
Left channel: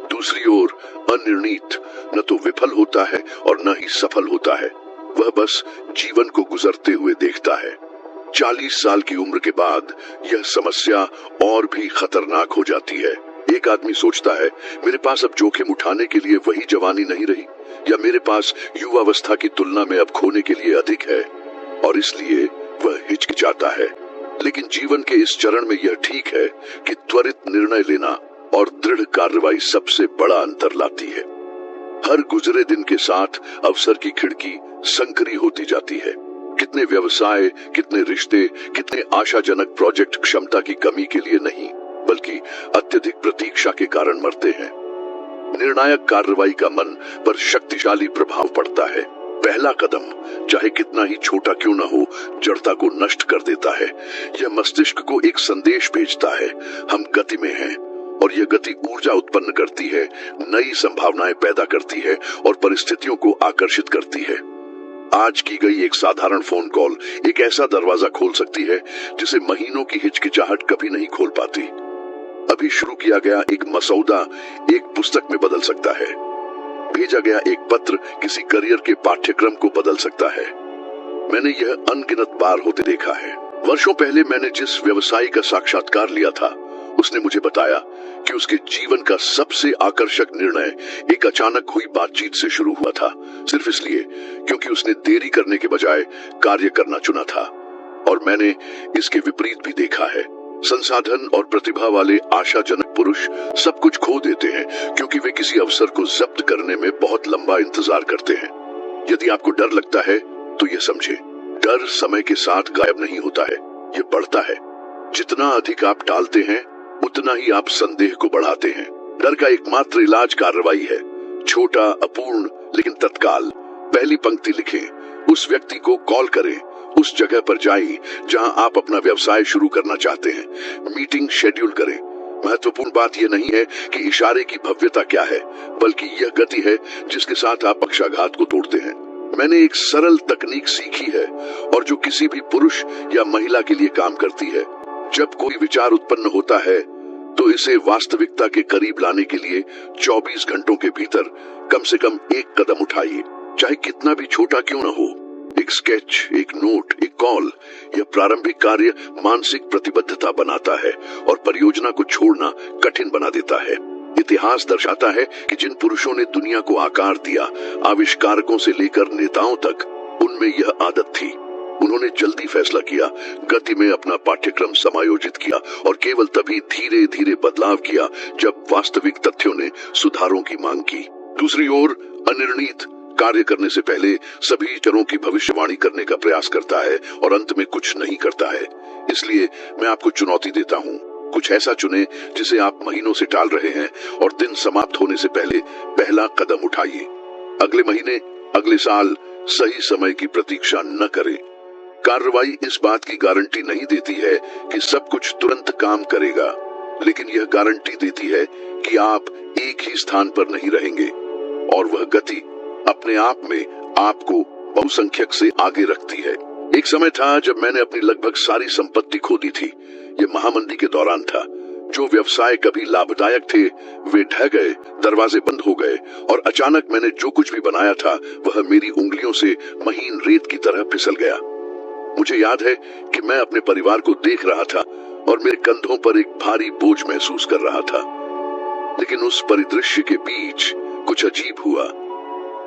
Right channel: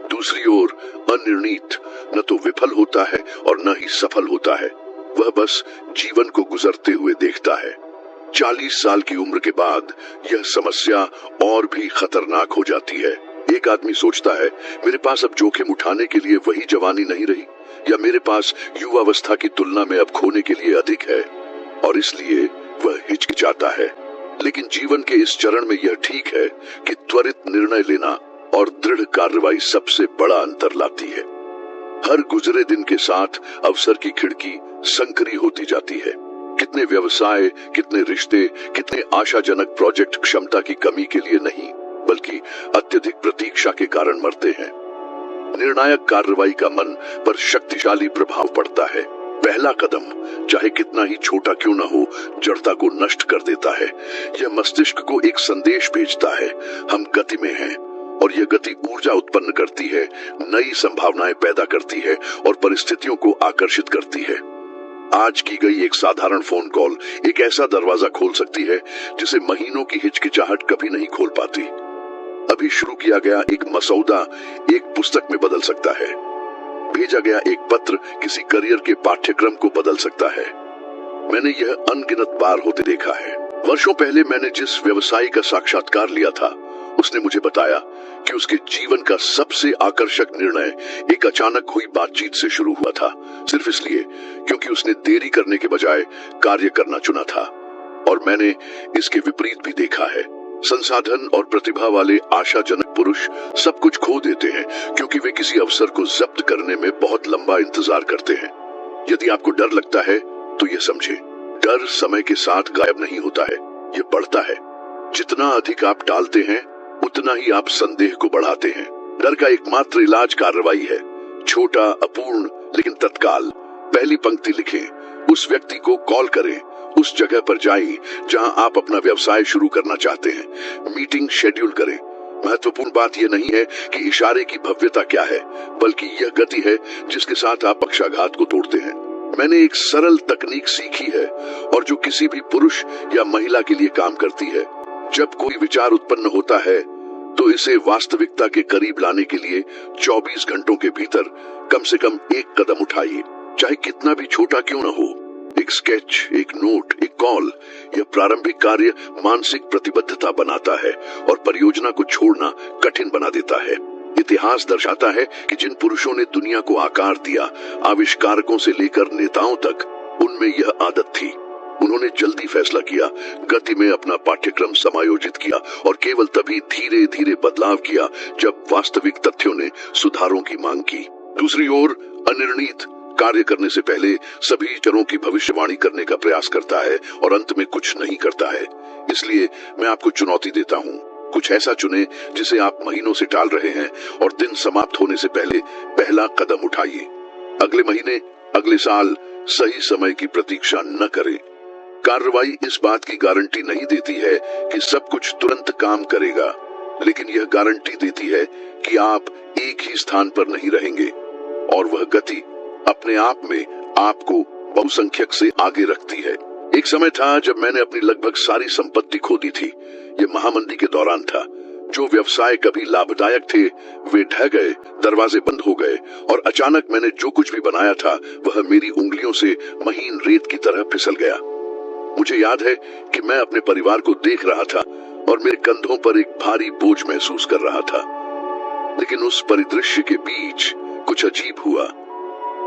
दूसरी ओर अनिर्णीत न तो विफल होता है और न ही सफल होता है। वह बस जीवन को गुजरते हुए देखता है। 40 साल की उम्र के बाद यह समस्या और भी खतरनाक हो जाती है। एक आदमी सोचता है, मेरे पास अब जोखिम उठाने के लिए वही जवानी नहीं रही, या मेरे पास युवावस्था की तुलना में अब खोने के लिए अधिक है, और इसलिए वह हिचकिचाता है। लेकिन जीवन के इस चरण में यह ठीक है कि त्वरित निर्णय लेना और दृढ़ कार्रवाई सबसे बड़ा अंतर लाती है। हर गुजरे दिन के साथ अवसर की खिड़की संकरी होती जाती है। कितने व्यवसाय, कितने रिश्ते, कितने आशाजनक प्रोजेक्ट क्षमता की कमी के लिए नहीं, बल्कि अत्यधिक प्रतीक्षा के कारण मरते हैं। निर्णायक कार्रवाई का मन पर शक्तिशाली प्रभाव पड़ता है। पहला कदम, चाहे कितना ही छोटा क्यों न हो, जड़ता को नष्ट कर देता है। यह मस्तिष्क को एक संदेश भेजता है, हम गति में हैं, और यह गति ऊर्जा उत्पन्न करती है, नई संभावनाएं पैदा करती है और परिस्थितियों को आकर्षित करती है। आज की गई एक साधारण फोन कॉल एक ऐसा दरवाजा खोल सकती है जिसे महीनों की हिचकिचाहट कभी नहीं खोल पाती। अभी शुरू किया गया एक मसौदा एक पुस्तक में बदल सकता है। भेजा गया एक पत्र किसी करियर के पाठ्यक्रम को बदल सकता है। मैंने यह अनगिनत बार होते देखा है। वर्षों पहले मैंने जिस व्यवसायी का साक्षात्कार लिया था, उसने मुझे बताया कि उसके जीवन का सबसे आकर्षक निर्णय एक अचानक हुई बातचीत से शुरू हुआ था, सिर्फ इसलिए क्योंकि उसने देरी करने के बजाय कार्य करना चुना था। और मैंने इसके विपरीत भी देखा है। संसाधन और प्रतिभा वाले आशाजनक पुरुष सब कुछ खो देते हैं क्योंकि वे किसी अवसर को जब्त करने में बहुत लंबा इंतजार करते हैं। यदि आपको डर लगता है तो ये समझे, डर समय के साथ गायब नहीं होता है, ये बढ़ता है। जितना अधिक आप टालते हैं उतना ही आप संदेह को बढ़ाते हैं। डर का एकमात्र इलाज कार्रवाई है, छोटा, अपूर्ण लेकिन तत्काल। पहली पंक्ति लिखें, उस व्यक्ति को कॉल करें, उस जगह पर जाइए जहां आप अपना व्यवसाय शुरू करना चाहते हैं। मीटिंग शेड्यूल करें। महत्वपूर्ण बात यह नहीं है कि इशारे की भव्यता क्या है, बल्कि यह गति है जिसके साथ आप पक्षाघात को तोड़ते हैं। मैंने एक सरल तकनीक सीखी है और जो किसी भी पुरुष या महिला के लिए काम करती है। जब कोई विचार उत्पन्न होता है तो इसे वास्तविकता के करीब लाने के लिए 24 घंटों के भीतर कम से कम एक कदम उठाइए, चाहे कितना भी छोटा क्यों न हो। एक स्केच, एक नोट, एक कॉल, यह प्रारंभिक कार्य मानसिक प्रतिबद्धता बनाता है और परियोजना को छोड़ना कठिन बना देता है। इतिहास दर्शाता है कि जिन पुरुषों ने दुनिया को आकार दिया, आविष्कारकों से लेकर नेताओं तक, उनमें यह आदत थी। उन्होंने जल्दी फैसला किया, गति में अपना पाठ्यक्रम समायोजित किया और केवल तभी धीरे धीरे बदलाव किया जब वास्तविक तथ्यों ने सुधारों की मांग की। दूसरी ओर अनिर्णित कार्य करने से पहले सभी चरों की भविष्यवाणी करने का प्रयास करता है और अंत में कुछ नहीं करता है। इसलिए मैं आपको चुनौती देता हूँ, कुछ ऐसा चुने जिसे आप महीनों से टाल रहे हैं और दिन समाप्त होने से पहले पहला कदम उठाइए। अगले महीने, अगले साल सही समय की प्रतीक्षा न करें। कार्रवाई इस बात की गारंटी नहीं देती है कि सब कुछ तुरंत काम करेगा, लेकिन यह गारंटी देती है कि आप एक ही स्थान पर नहीं रहेंगे और वह गति अपने आप में आपको बहुसंख्यक से आगे रखती है। एक समय था जब मैंने अपनी लगभग सारी संपत्ति खो दी थी। ये महामंदी के दौरान था। जो व्यवसाय कभी लाभदायक थे वे ढह गए, दरवाजे बंद हो गए और अचानक मैंने जो कुछ भी बनाया था वह मेरी उंगलियों से महीन रेत की तरह फिसल गया। मुझे याद है कि मैं अपने परिवार को देख रहा था और मेरे कंधों पर एक भारी बोझ महसूस कर रहा था। लेकिन उस परिदृश्य के बीच कुछ अजीब हुआ।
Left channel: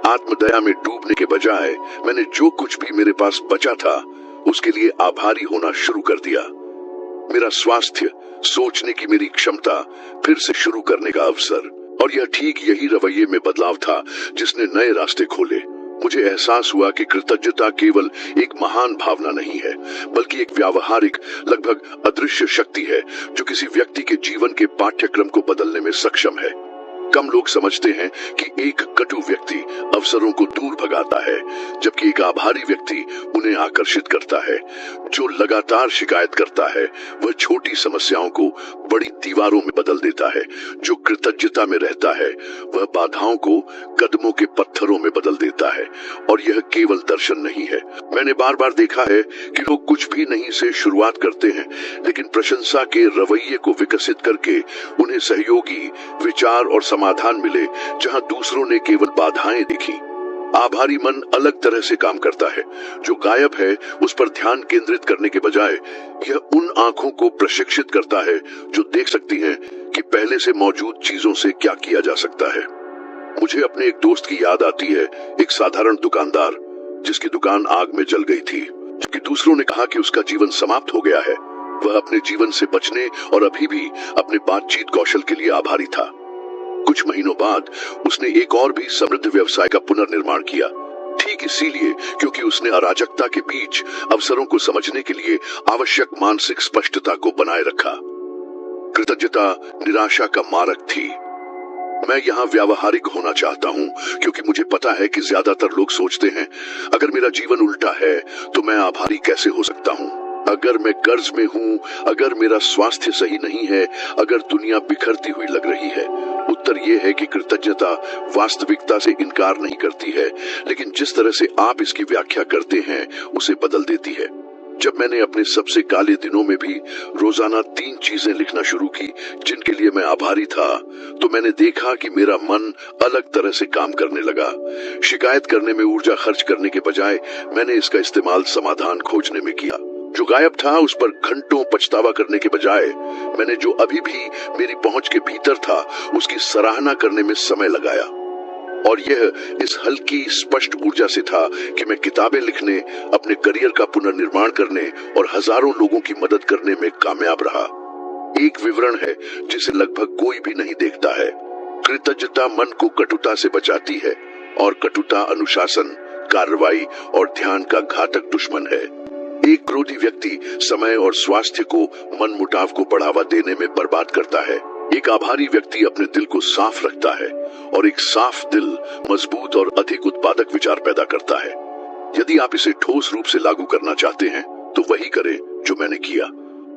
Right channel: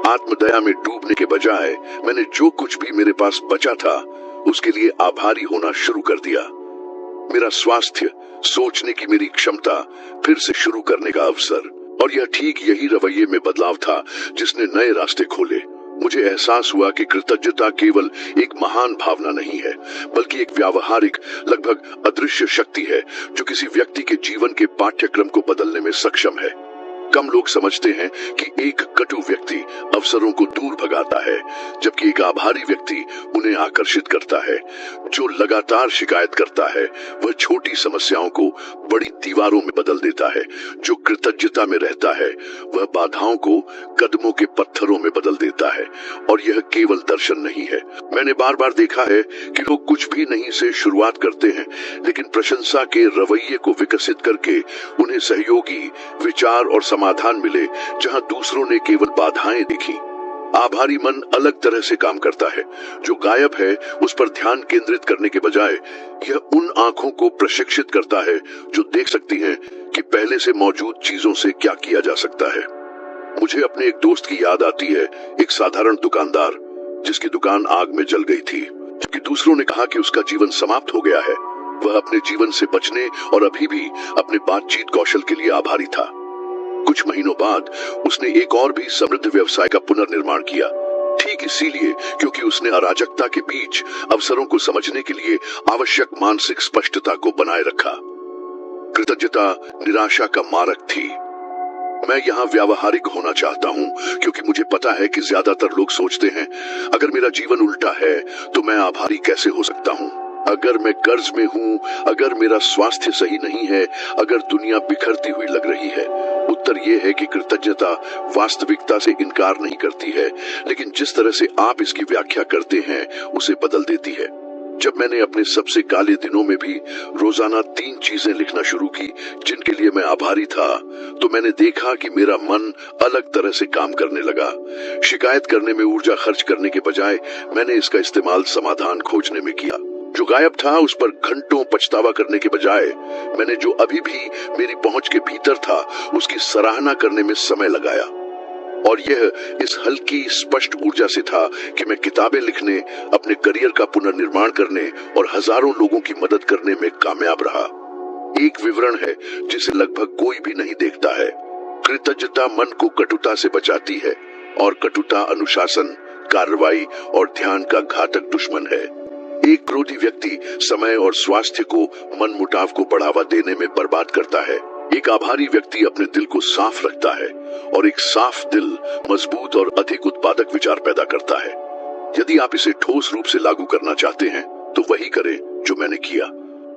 आत्मदया में डूबने के बजाय मैंने जो कुछ भी मेरे पास बचा था उसके लिए आभारी होना शुरू कर दिया। मेरा स्वास्थ्य, सोचने की मेरी क्षमता, फिर से शुरू करने का अवसर, और यह ठीक यही रवैये में बदलाव था जिसने नए रास्ते खोले। मुझे एहसास हुआ कि कृतज्ञता केवल एक महान भावना नहीं है, बल्कि एक व्यावहारिक, लगभग अदृश्य शक्ति है जो किसी व्यक्ति के जीवन के पाठ्यक्रम को बदलने में सक्षम है। कम लोग समझते हैं कि एक कटु व्यक्ति अवसरों को दूर भगाता है, जबकि एक आभारी व्यक्ति उन्हें आकर्षित करता है। जो लगातार शिकायत करता है वह छोटी समस्याओं को बड़ी दीवारों में बदल देता है। जो कृतज्ञता में रहता है वह बाधाओं को कदमों के पत्थरों में बदल देता है। और यह केवल दर्शन नहीं है। मैंने बार बार देखा है कि लोग कुछ भी नहीं से शुरुआत करते हैं, लेकिन प्रशंसा के रवैये को विकसित करके उन्हें सहयोगी, विचार और समाधान मिले जहां दूसरों ने केवल बाधाएं देखी। आभारी मन अलग तरह से काम करता है। जो गायब है उस पर ध्यान केंद्रित करने के बजाय यह उन आंखों को प्रशिक्षित करता है जो देख सकती हैं कि पहले से मौजूद चीजों से क्या किया जा सकता है। मुझे अपने एक दोस्त की याद आती है, एक साधारण दुकानदार जिसकी दुकान आग में जल गई थी, क्योंकि दूसरों ने कहा कि उसका जीवन समाप्त हो गया है। वह अपने जीवन से बचने और अभी भी अपने बातचीत कौशल के लिए आभारी था। कुछ महीनों बाद उसने एक और भी समृद्ध व्यवसाय का पुनर्निर्माण किया, ठीक इसीलिए क्योंकि उसने अराजकता के बीच अवसरों को समझने के लिए आवश्यक मानसिक स्पष्टता को बनाए रखा। कृतज्ञता निराशा का मारक थी। मैं यहाँ व्यावहारिक होना चाहता हूँ क्योंकि मुझे पता है कि ज्यादातर लोग सोचते हैं, अगर मेरा जीवन उल्टा है तो मैं आभारी कैसे हो सकता हूँ? अगर मैं कर्ज में हूँ, अगर मेरा स्वास्थ्य सही नहीं है, अगर दुनिया बिखरती हुई लग रही है। उत्तर ये है कि कृतज्ञता वास्तविकता से इनकार नहीं करती है, लेकिन जिस तरह से आप इसकी व्याख्या करते हैं उसे बदल देती है। जब मैंने अपने सबसे काले दिनों में भी रोजाना 3 चीजें लिखना शुरू की जिनके लिए मैं आभारी था, तो मैंने देखा कि मेरा मन अलग तरह से काम करने लगा। शिकायत करने में ऊर्जा खर्च करने के बजाय मैंने इसका इस्तेमाल समाधान खोजने में किया। जो गायब था उस पर घंटों पछतावा करने के बजाय मैंने जो अभी भी मेरी पहुंच के भीतर था उसकी सराहना करने में समय लगाया। और यह इस हल्की स्पष्ट ऊर्जा से था कि मैं किताबें लिखने, अपने करियर का पुनर्निर्माण करने और हजारों लोगों की मदद करने में कामयाब रहा। एक विवरण है जिसे लगभग कोई भी नहीं देखता है। कृतज्ञता मन को कटुता से बचाती है और कटुता अनुशासन, कार्रवाई और ध्यान का घातक दुश्मन है। एक क्रोधी व्यक्ति समय और स्वास्थ्य को मनमुटाव को बढ़ावा देने में बर्बाद करता है। एक आभारी व्यक्ति अपने दिल को साफ रखता है और एक साफ दिल मजबूत और अधिक उत्पादक विचार पैदा करता है। यदि आप इसे ठोस रूप से लागू करना चाहते हैं तो वही करें जो मैंने किया।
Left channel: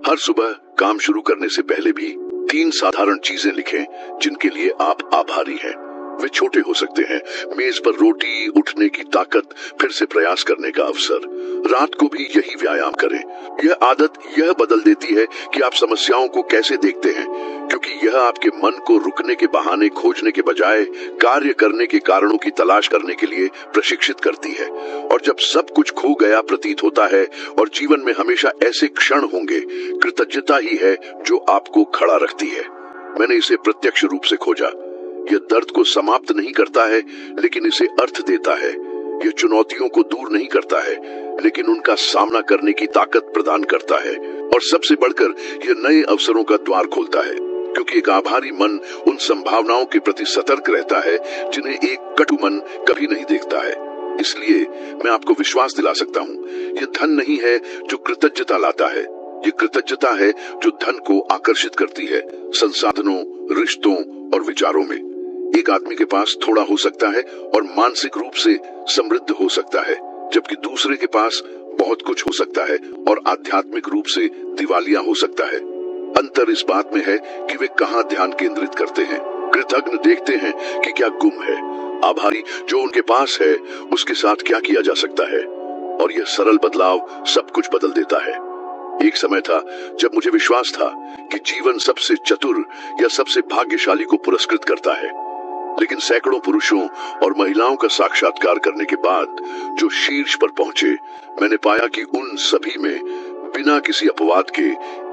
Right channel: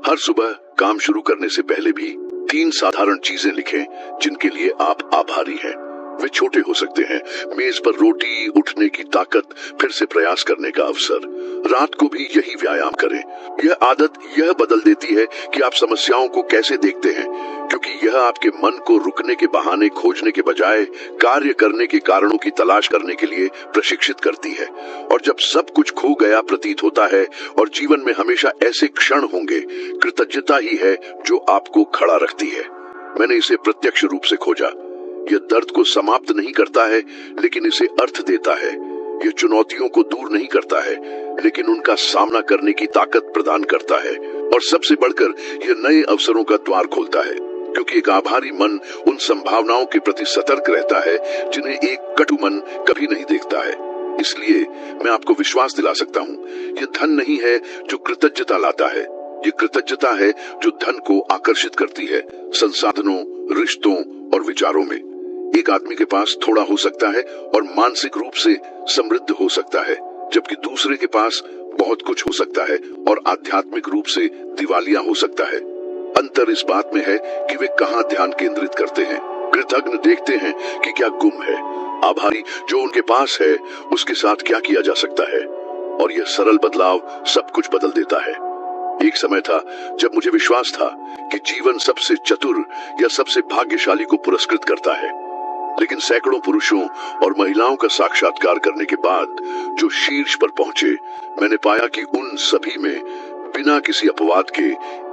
हर सुबह काम शुरू करने से पहले भी 3 साधारण चीजें लिखें जिनके लिए आप आभारी हैं। वे छोटे हो सकते हैं, मेज पर रोटी, उठने की ताकत, फिर से प्रयास करने का अवसर। रात को भी यही व्यायाम करें। यह आदत यह बदल देती है कि आप समस्याओं को कैसे देखते हैं, क्योंकि यह आपके मन को रुकने के बहाने खोजने के बजाय कार्य करने के कारणों की तलाश करने के लिए प्रशिक्षित करती है। और जब सब कुछ खो गया प्रतीत होता है और जीवन में हमेशा ऐसे क्षण होंगे, कृतज्ञता ही है जो आपको खड़ा रखती है। मैंने इसे प्रत्यक्ष रूप से खोजा। यह दर्द को समाप्त नहीं करता है, लेकिन इसे अर्थ देता है। यह चुनौतियों को दूर नहीं करता है, लेकिन उनका सामना करने की ताकत प्रदान करता है। और सबसे बढ़कर यह नए अवसरों का द्वार खोलता है, क्योंकि एक आभारी मन उन संभावनाओं के प्रति सतर्क रहता है जिन्हें एक कटु मन कभी नहीं देखता है। इसलिए मैं आपको विश्वास दिला सकता हूँ, यह धन नहीं है जो कृतज्ञता लाता है, ये कृतज्ञता है जो धन को आकर्षित करती है, संसाधनों, रिश्तों और विचारों में। एक आदमी के पास थोड़ा हो सकता है और मानसिक रूप से समृद्ध हो सकता है, जबकि दूसरे के पास बहुत कुछ हो सकता है और आध्यात्मिक रूप से दिवालिया हो सकता है। अंतर इस बात में है कि वे कहाँ ध्यान केंद्रित करते हैं। कृतज्ञ देखते हैं कि क्या गुम है, आभारी जो उनके पास है उसके साथ क्या किया जा सकता है, और यह सरल बदलाव सब कुछ बदल देता है। एक समय था जब मुझे विश्वास था कि जीवन सबसे चतुर या सबसे भाग्यशाली को पुरस्कृत करता है, लेकिन सैकड़ों पुरुषों और महिलाओं का साक्षात्कार करने के बाद जो शीर्ष पर पहुंचे, मैंने पाया कि उन सभी में बिना किसी अपवाद के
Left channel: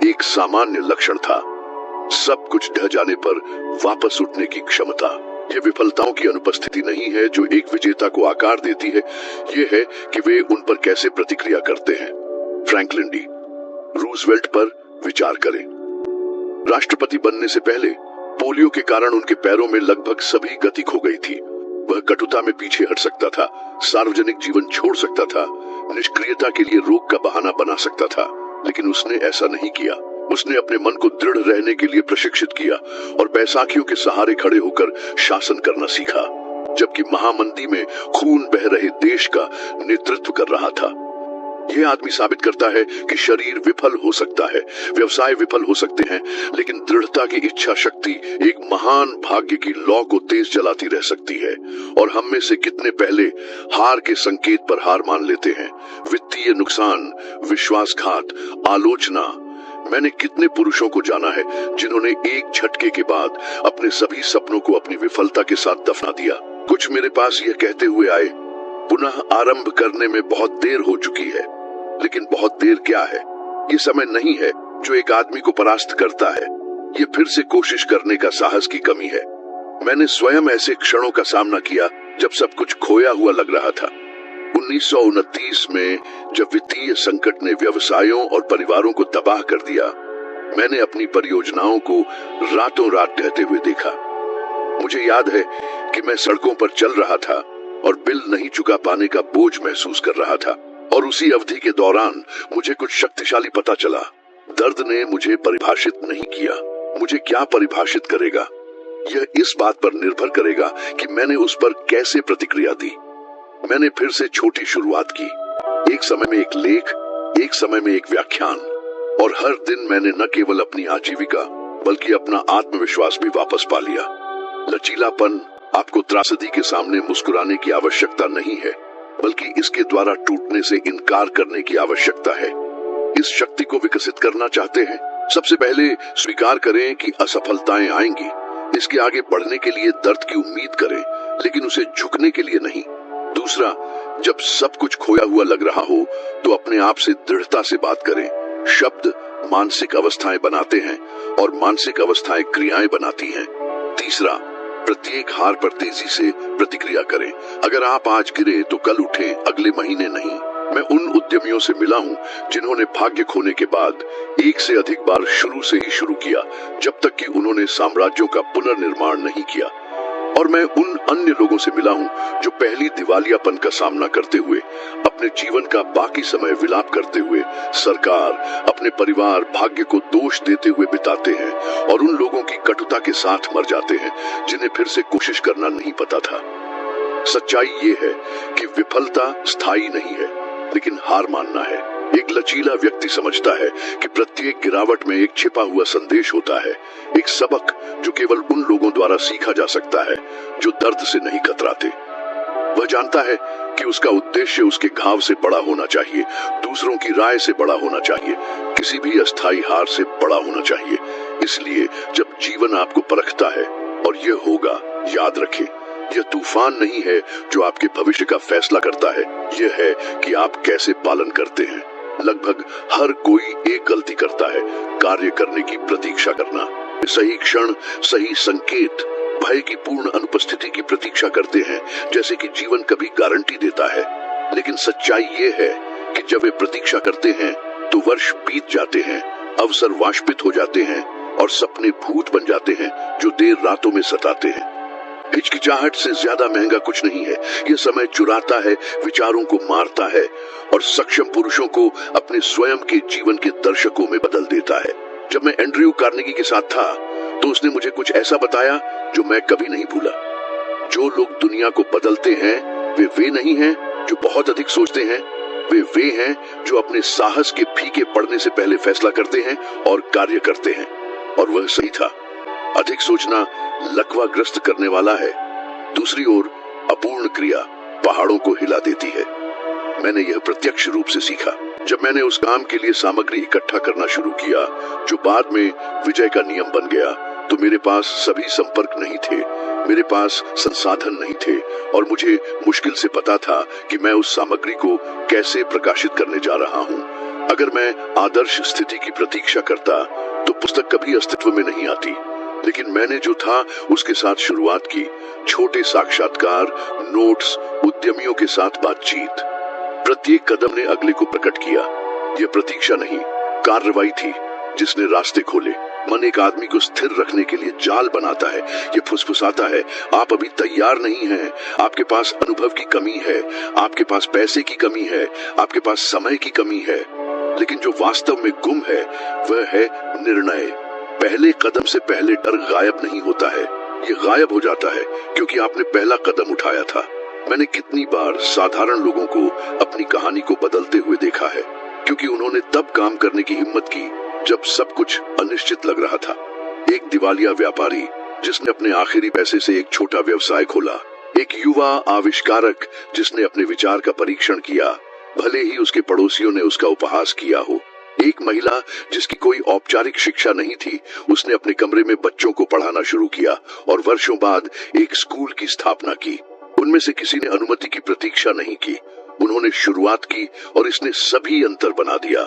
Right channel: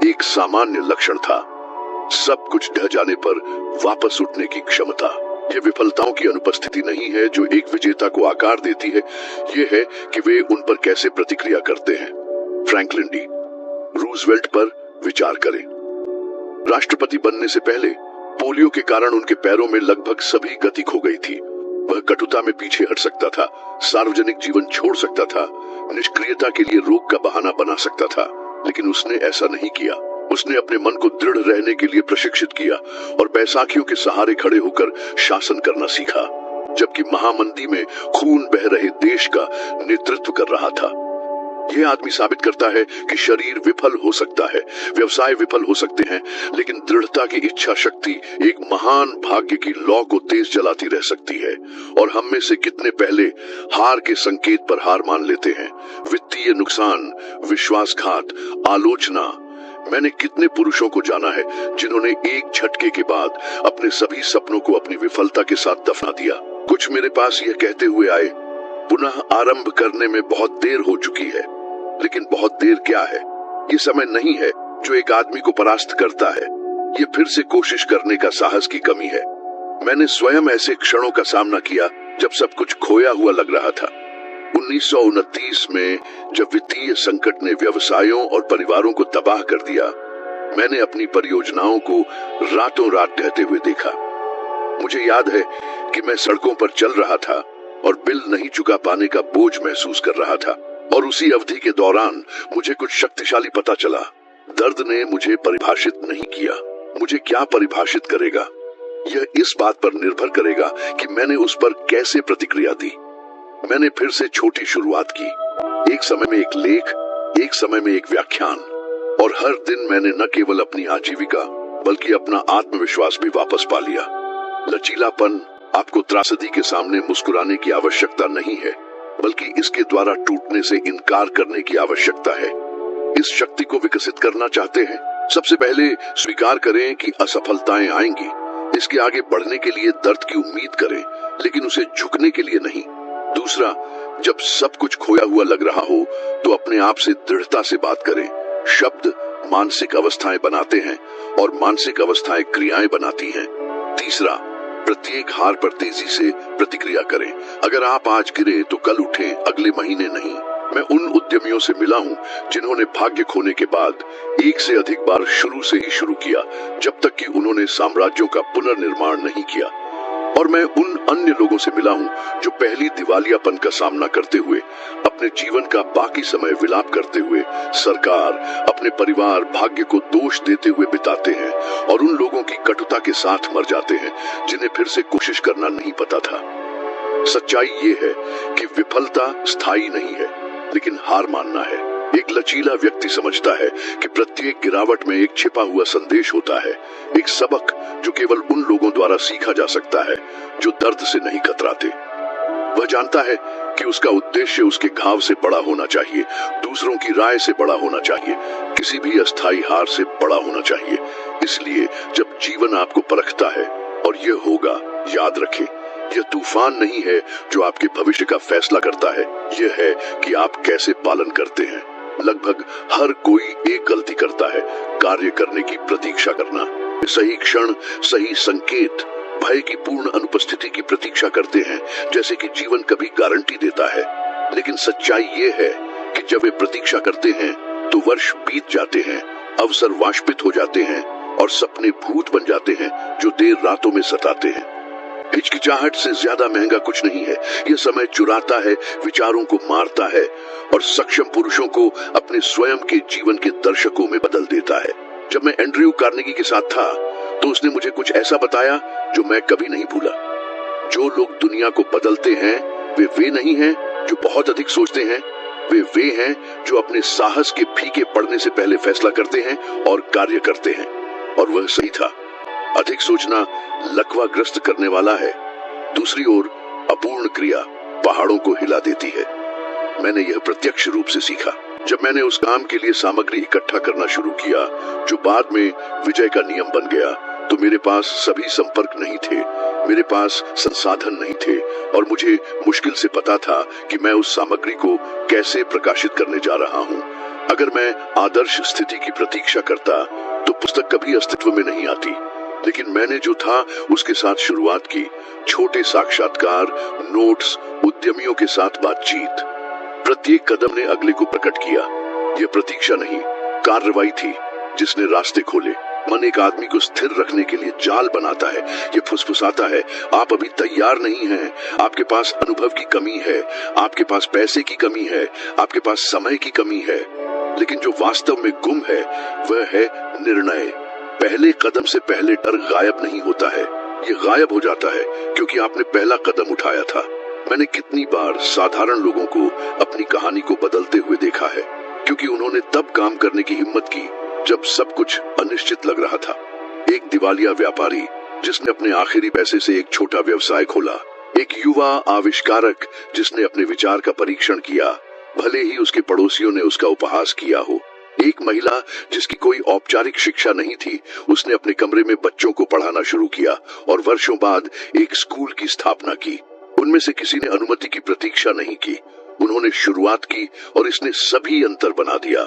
एक सामान्य लक्षण था, सब कुछ ढह जाने पर वापस उठने की क्षमता। ये विफलताओं की अनुपस्थिति नहीं है जो एक विजेता को आकार देती है, ये है कि वे उन पर कैसे प्रतिक्रिया करते हैं। फ्रैंकलिन डी रूजवेल्ट पर विचार करें। राष्ट्रपति बनने से पहले पोलियो के कारण उनके पैरों में लगभग सभी गति खो गई थी। वह कटुता में पीछे हट सकता था, सार्वजनिक जीवन छोड़ सकता था, निष्क्रियता के लिए रोग का बहाना बना सकता था, लेकिन उसने ऐसा नहीं किया। उसने अपने मन को दृढ़ रहने के लिए प्रशिक्षित किया और बैसाखियों के सहारे खड़े होकर शासन करना सीखा, जबकि महामंदी में खून बह रहे देश का नेतृत्व कर रहा था। यह आदमी साबित करता है कि शरीर विफल हो सकता है, व्यवसाय विफल हो सकते हैं, लेकिन दृढ़ता की इच्छा शक्ति एक महान भाग्य की लौ को तेज जलाती रह सकती है। और हम में से कितने पहले हार के संकेत पर हार मान लेते हैं। वित्तीय नुकसान, विश्वासघात, आलोचना। मैंने कितने पुरुषों को जाना है जिन्होंने एक झटके के बाद अपने सभी सपनों को अपनी विफलता के साथ दफना दिया। कुछ मेरे पास यह कहते हुए आए, पुनः आरंभ करने में बहुत देर हो चुकी है। लेकिन बहुत देर क्या है? ये समय नहीं है जो एक आदमी को परास्त करता है, ये फिर से कोशिश करने का साहस की कमी है। मैंने स्वयं ऐसे क्षणों का सामना किया जब सब कुछ खोया हुआ लग रहा था। 1929 में जब वित्तीय संकट ने व्यवसायों और परिवारों को तबाह कर दिया, मैंने अपनी परियोजनाओं को रातों रात ढहते हुए देखा। मुझे याद है कि मैं सड़कों पर चल रहा था और बिल नहीं चुका पाने का बोझ महसूस कर रहा था। और उसी अवधि के दौरान मुझे कुछ शक्तिशाली पता चला। दर्द ने मुझे परिभाषित नहीं किया, मुझे क्या परिभाषित करेगा, यह इस बात पर निर्भर करेगा कि मैंने उस पर कैसे प्रतिक्रिया दी। मैंने फिर से छोटी शुरुआत की, एक समय में एक लेख, एक समय में एक व्याख्यान, और हर दिन मैंने न केवल अपनी आजीविका बल्कि अपना आत्मविश्वास भी वापस पा लिया। लचीलापन आपको त्रासदी के सामने मुस्कुराने की आवश्यकता नहीं है, बल्कि इसके द्वारा टूटने से इनकार करने की आवश्यकता है। इस शक्ति को विकसित करना चाहते हैं, सबसे पहले स्वीकार करें कि असफलताएं आएंगी। इसके आगे बढ़ने के लिए दर्द की उम्मीद करें, लेकिन उसे झुकने के लिए नहीं। दूसरा, जब सब कुछ खोया हुआ लग रहा हो तो अपने आप से दृढ़ता से बात करें। शब्द मानसिक अवस्थाएं बनाते हैं और मानसिक अवस्थाएं क्रियाएं बनाती हैं। तीसरा, प्रत्येक हार पर तेजी से प्रतिक्रिया करें। अगर आप आज गिरे तो कल उठे, अगले महीने नहीं। मैं उन उद्यमियों से मिला हूं जिन्होंने भाग्य खोने के बाद एक से अधिक बार शुरू से ही शुरू किया, जब तक कि उन्होंने साम्राज्यों का पुनर्निर्माण नहीं किया। और मैं उन अन्य लोगों से मिला हूं जो पहली दिवालियापन का सामना करते हुए, अपने जीवन का बाकी समय विलाप करते हुए, सरकार, अपने परिवार, भाग्य को दोष देते हुए बिताते हैं, और उन लोगों की कटुता के साथ मर जाते हैं जिन्हें फिर से कोशिश करना नहीं पता था। सच्चाई ये है कि विफलता स्थायी नहीं है, लेकिन हार मानना है। एक लचीला व्यक्ति समझता है कि प्रत्येक गिरावट में एक छिपा हुआ संदेश होता है, एक सबक जो केवल उन लोगों द्वारा सीखा जा सकता है जो दर्द से नहीं कतराते। वह जानता है कि उसका उद्देश्य उसके घाव से बड़ा होना चाहिए, दूसरों की राय से बड़ा होना चाहिए, किसी भी अस्थायी हार से बड़ा होना चाहिए। इसलिए जब जीवन आपको परखता है, और यह होगा, याद रखें, यह तूफान नहीं है जो आपके भविष्य का फैसला करता है, यह है कि आप कैसे पालन करते हैं। लगभग हर कोई एक गलती करता है, कार्य करने की प्रतीक्षा करना। सही क्षण, सही संकेत, भय की पूर्ण अनुपस्थिति की प्रतीक्षा करते हैं, जैसे कि जीवन कभी गारंटी देता है। लेकिन सच्चाई ये है कि जब वे प्रतीक्षा करते हैं तो वर्ष बीत जाते हैं, अवसर वाष्पित हो जाते हैं और सपने भूत बन जाते हैं जो देर रातों में सताते हैं। हिचकिचाहट से ज्यादा महंगा कुछ नहीं है। यह समय चुराता है, विचारों को मारता है और सक्षम पुरुषों को अपने स्वयं के जीवन के दर्शकों में बदल देता है। जब मैं एंड्रयू कार्नेगी के साथ था तो उसने मुझे कुछ ऐसा बताया जो मैं कभी नहीं भूला। जो लोग दुनिया को बदलते हैं वे नहीं हैं जो बहुत अधिक सोचते हैं, वे हैं जो अपने साहस के फीके पड़ने से पहले फैसला करते हैं और कार्य करते हैं। और वह सही था। अधिक सोचना लकवाग्रस्त करने वाला है। दूसरी ओर अपूर्ण क्रिया पहाड़ों को हिला देती है। मैंने यह प्रत्यक्ष रूप से सीखा जब मैंने उस काम के लिए सामग्री इकट्ठा करना शुरू किया जो बाद में विजय का नियम बन गया। तो मेरे पास सभी संपर्क नहीं थे, मेरे पास संसाधन नहीं थे और मुझे मुश्किल से पता था कि मैं उस सामग्री को कैसे प्रकाशित करने जा रहा हूँ। अगर मैं आदर्श स्थिति की प्रतीक्षा करता तो पुस्तक कभी अस्तित्व में नहीं आती। लेकिन मैंने जो था उसके साथ शुरुआत की, छोटे साक्षात्कार, नोट्स, उद्यमियों के साथ बातचीत। प्रत्येक कदम ने अगले को प्रकट किया। यह प्रतीक्षा नहीं, कार्रवाई थी जिसने रास्ते खोले। मन एक आदमी को स्थिर रखने के लिए जाल बनाता है। ये फुसफुसाता है, आप अभी तैयार नहीं हैं, आपके पास अनुभव की कमी है, आपके पास पैसे की कमी है, आपके पास समय की कमी है। लेकिन जो वास्तव में गुम है वह है निर्णय। पहले कदम से पहले डर गायब नहीं होता है, ये गायब हो जाता है क्योंकि आपने पहला कदम उठाया था। मैंने कितनी बार साधारण लोगों को अपनी कहानी को बदलते हुए देखा है क्योंकि उन्होंने तब काम करने की हिम्मत की जब सब कुछ अनिश्चित लग रहा था। एक दिवालिया व्यापारी जिसने अपने आखिरी पैसे से एक छोटा व्यवसाय खोला, एक युवा आविष्कारक जिसने अपने विचार का परीक्षण किया भले ही उसके पड़ोसियों ने उसका उपहास किया हो, एक महिला जिसकी कोई औपचारिक शिक्षा नहीं थी, उसने अपने कमरे में बच्चों को पढ़ाना शुरू किया और वर्षों बाद एक स्कूल की स्थापना की। उनमें से किसी ने अनुमति की प्रतीक्षा नहीं की, उन्होंने शुरुआत की और इसने सभी अंतर बना दिया।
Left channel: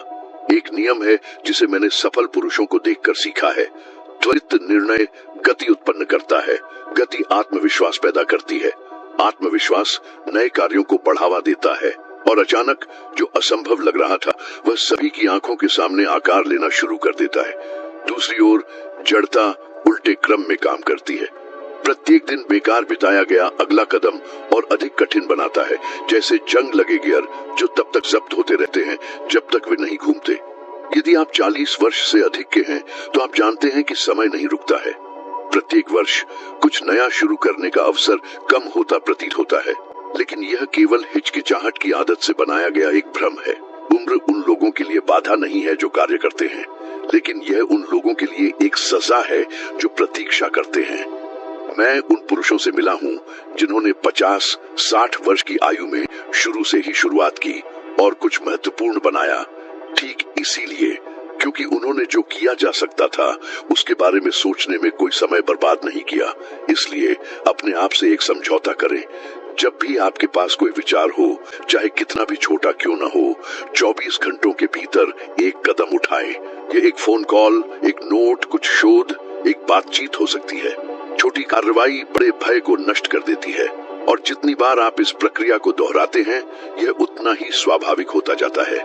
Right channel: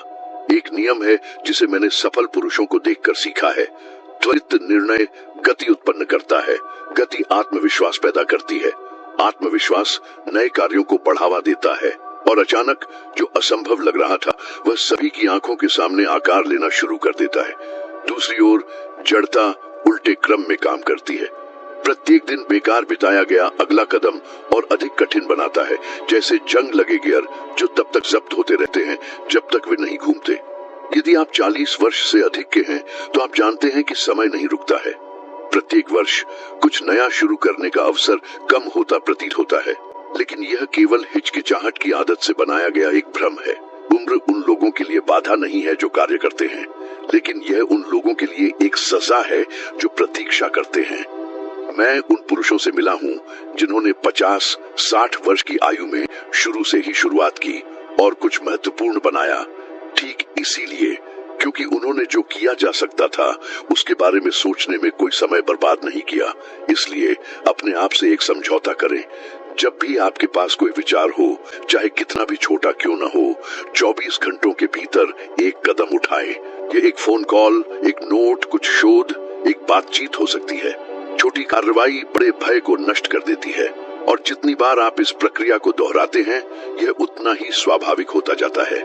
एक नियम है जिसे मैंने सफल पुरुषों को देखकर सीखा है, त्वरित निर्णय गति उत्पन्न करता है, गति आत्मविश्वास पैदा करती है, आत्मविश्वास नए कार्यों को बढ़ावा देता है और अचानक जो असंभव लग रहा था वह सभी की आंखों के सामने आकार लेना शुरू कर देता है। दूसरी ओर जड़ता उल्टे क्रम में काम करती है। प्रत्येक दिन बेकार बिताया गया अगला कदम और अधिक कठिन बनाता है, जैसे जंग लगे गियर जो तब तक जब्त होते रहते हैं जब तक वे नहीं घूमते। यदि आप 40 वर्ष से अधिक के हैं तो आप जानते हैं कि समय नहीं रुकता है। प्रत्येक वर्ष कुछ नया शुरू करने का अवसर कम होता प्रतीत होता है, लेकिन यह केवल हिचकिचाहट की आदत से बनाया गया एक भ्रम है। उम्र उन लोगों के लिए बाधा नहीं है जो कार्य करते हैं, लेकिन यह उन लोगों के लिए एक सजा है जो प्रतीक्षा करते हैं। मैं उन पुरुषों से मिला हूँ जिन्होंने 50-60 वर्ष की आयु में शुरू से ही शुरुआत की और कुछ महत्वपूर्ण बनाया, ठीक इसीलिए क्योंकि उन्होंने जो किया जा सकता था उसके बारे में सोचने में कोई समय बर्बाद नहीं किया। इसलिए अपने आप से एक समझौता करें। जब भी आपके पास कोई विचार हो, चाहे कितना भी छोटा क्यों न हो, 24 घंटों के भीतर एक कदम उठाएं। ये एक फोन कॉल, एक नोट, कुछ शोध, एक बातचीत हो सकती है। छोटी कार्रवाई बड़े भय को नष्ट कर देती है और जितनी बार आप इस प्रक्रिया को दोहराते हैं यह उतना ही स्वाभाविक होता जाता है।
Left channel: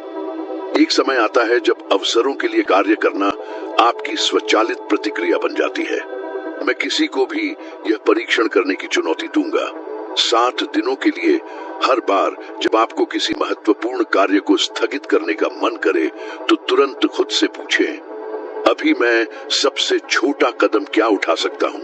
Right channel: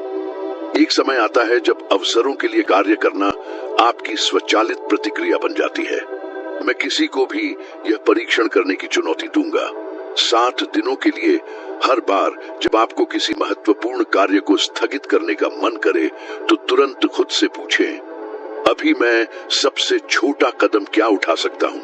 एक समय आता है जब अवसरों के लिए कार्य करना आपकी स्वचालित प्रतिक्रिया बन जाती है। मैं किसी को भी यह परीक्षण करने की चुनौती दूंगा। 7 दिनों के लिए हर बार जब आपको किसी महत्वपूर्ण कार्य को स्थगित करने का मन करे तो तुरंत खुद से पूछें, अभी मैं सबसे छोटा कदम क्या उठा सकता हूँ,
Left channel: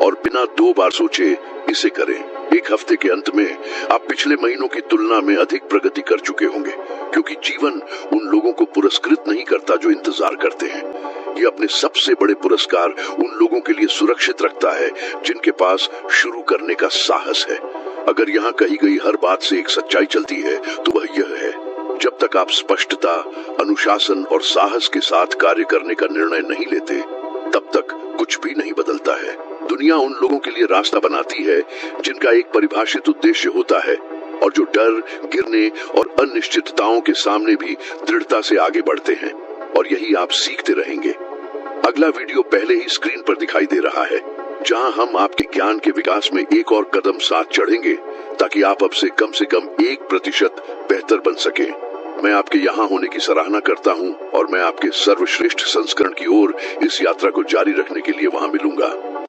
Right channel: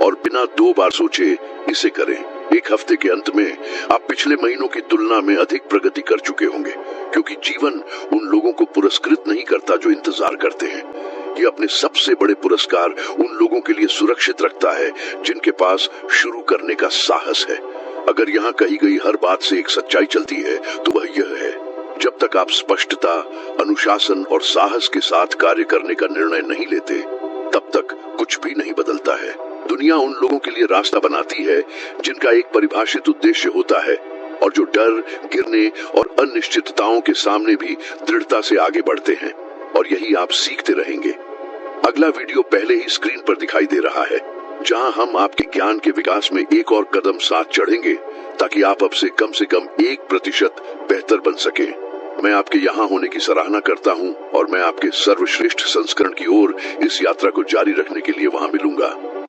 और बिना 2 बार सोचे इसे करें। एक हफ्ते के अंत में आप पिछले महीनों की तुलना में अधिक प्रगति कर चुके होंगे, क्योंकि जीवन उन लोगों को पुरस्कृत नहीं करता जो इंतजार करते हैं। ये अपने सबसे बड़े पुरस्कार उन लोगों के लिए सुरक्षित रखता है जिनके पास शुरू करने का साहस है। अगर यहाँ कही गई हर बात से एक सच्चाई चलती है तो वह यह है, जब तक आप स्पष्टता, अनुशासन और साहस के साथ कार्य करने का निर्णय नहीं लेते तब तक कुछ भी नहीं बदलता है। दुनिया उन लोगों के लिए रास्ता बनाती है जिनका एक परिभाषित उद्देश्य होता है और जो डर, गिरने और अनिश्चितताओं के सामने भी दृढ़ता से आगे बढ़ते हैं, और यही आप सीखते रहेंगे। अगला वीडियो पहले ही स्क्रीन पर दिखाई दे रहा है, जहां हम आपके ज्ञान के विकास में एक और कदम साथ चढ़ेंगे ताकि आप अब से कम 1% बेहतर बन सके। मैं आपके यहाँ होने की सराहना करता हूँ और मैं आपके सर्वश्रेष्ठ संस्करण की ओर इस यात्रा को जारी रखने के लिए वहाँ मिलूंगा।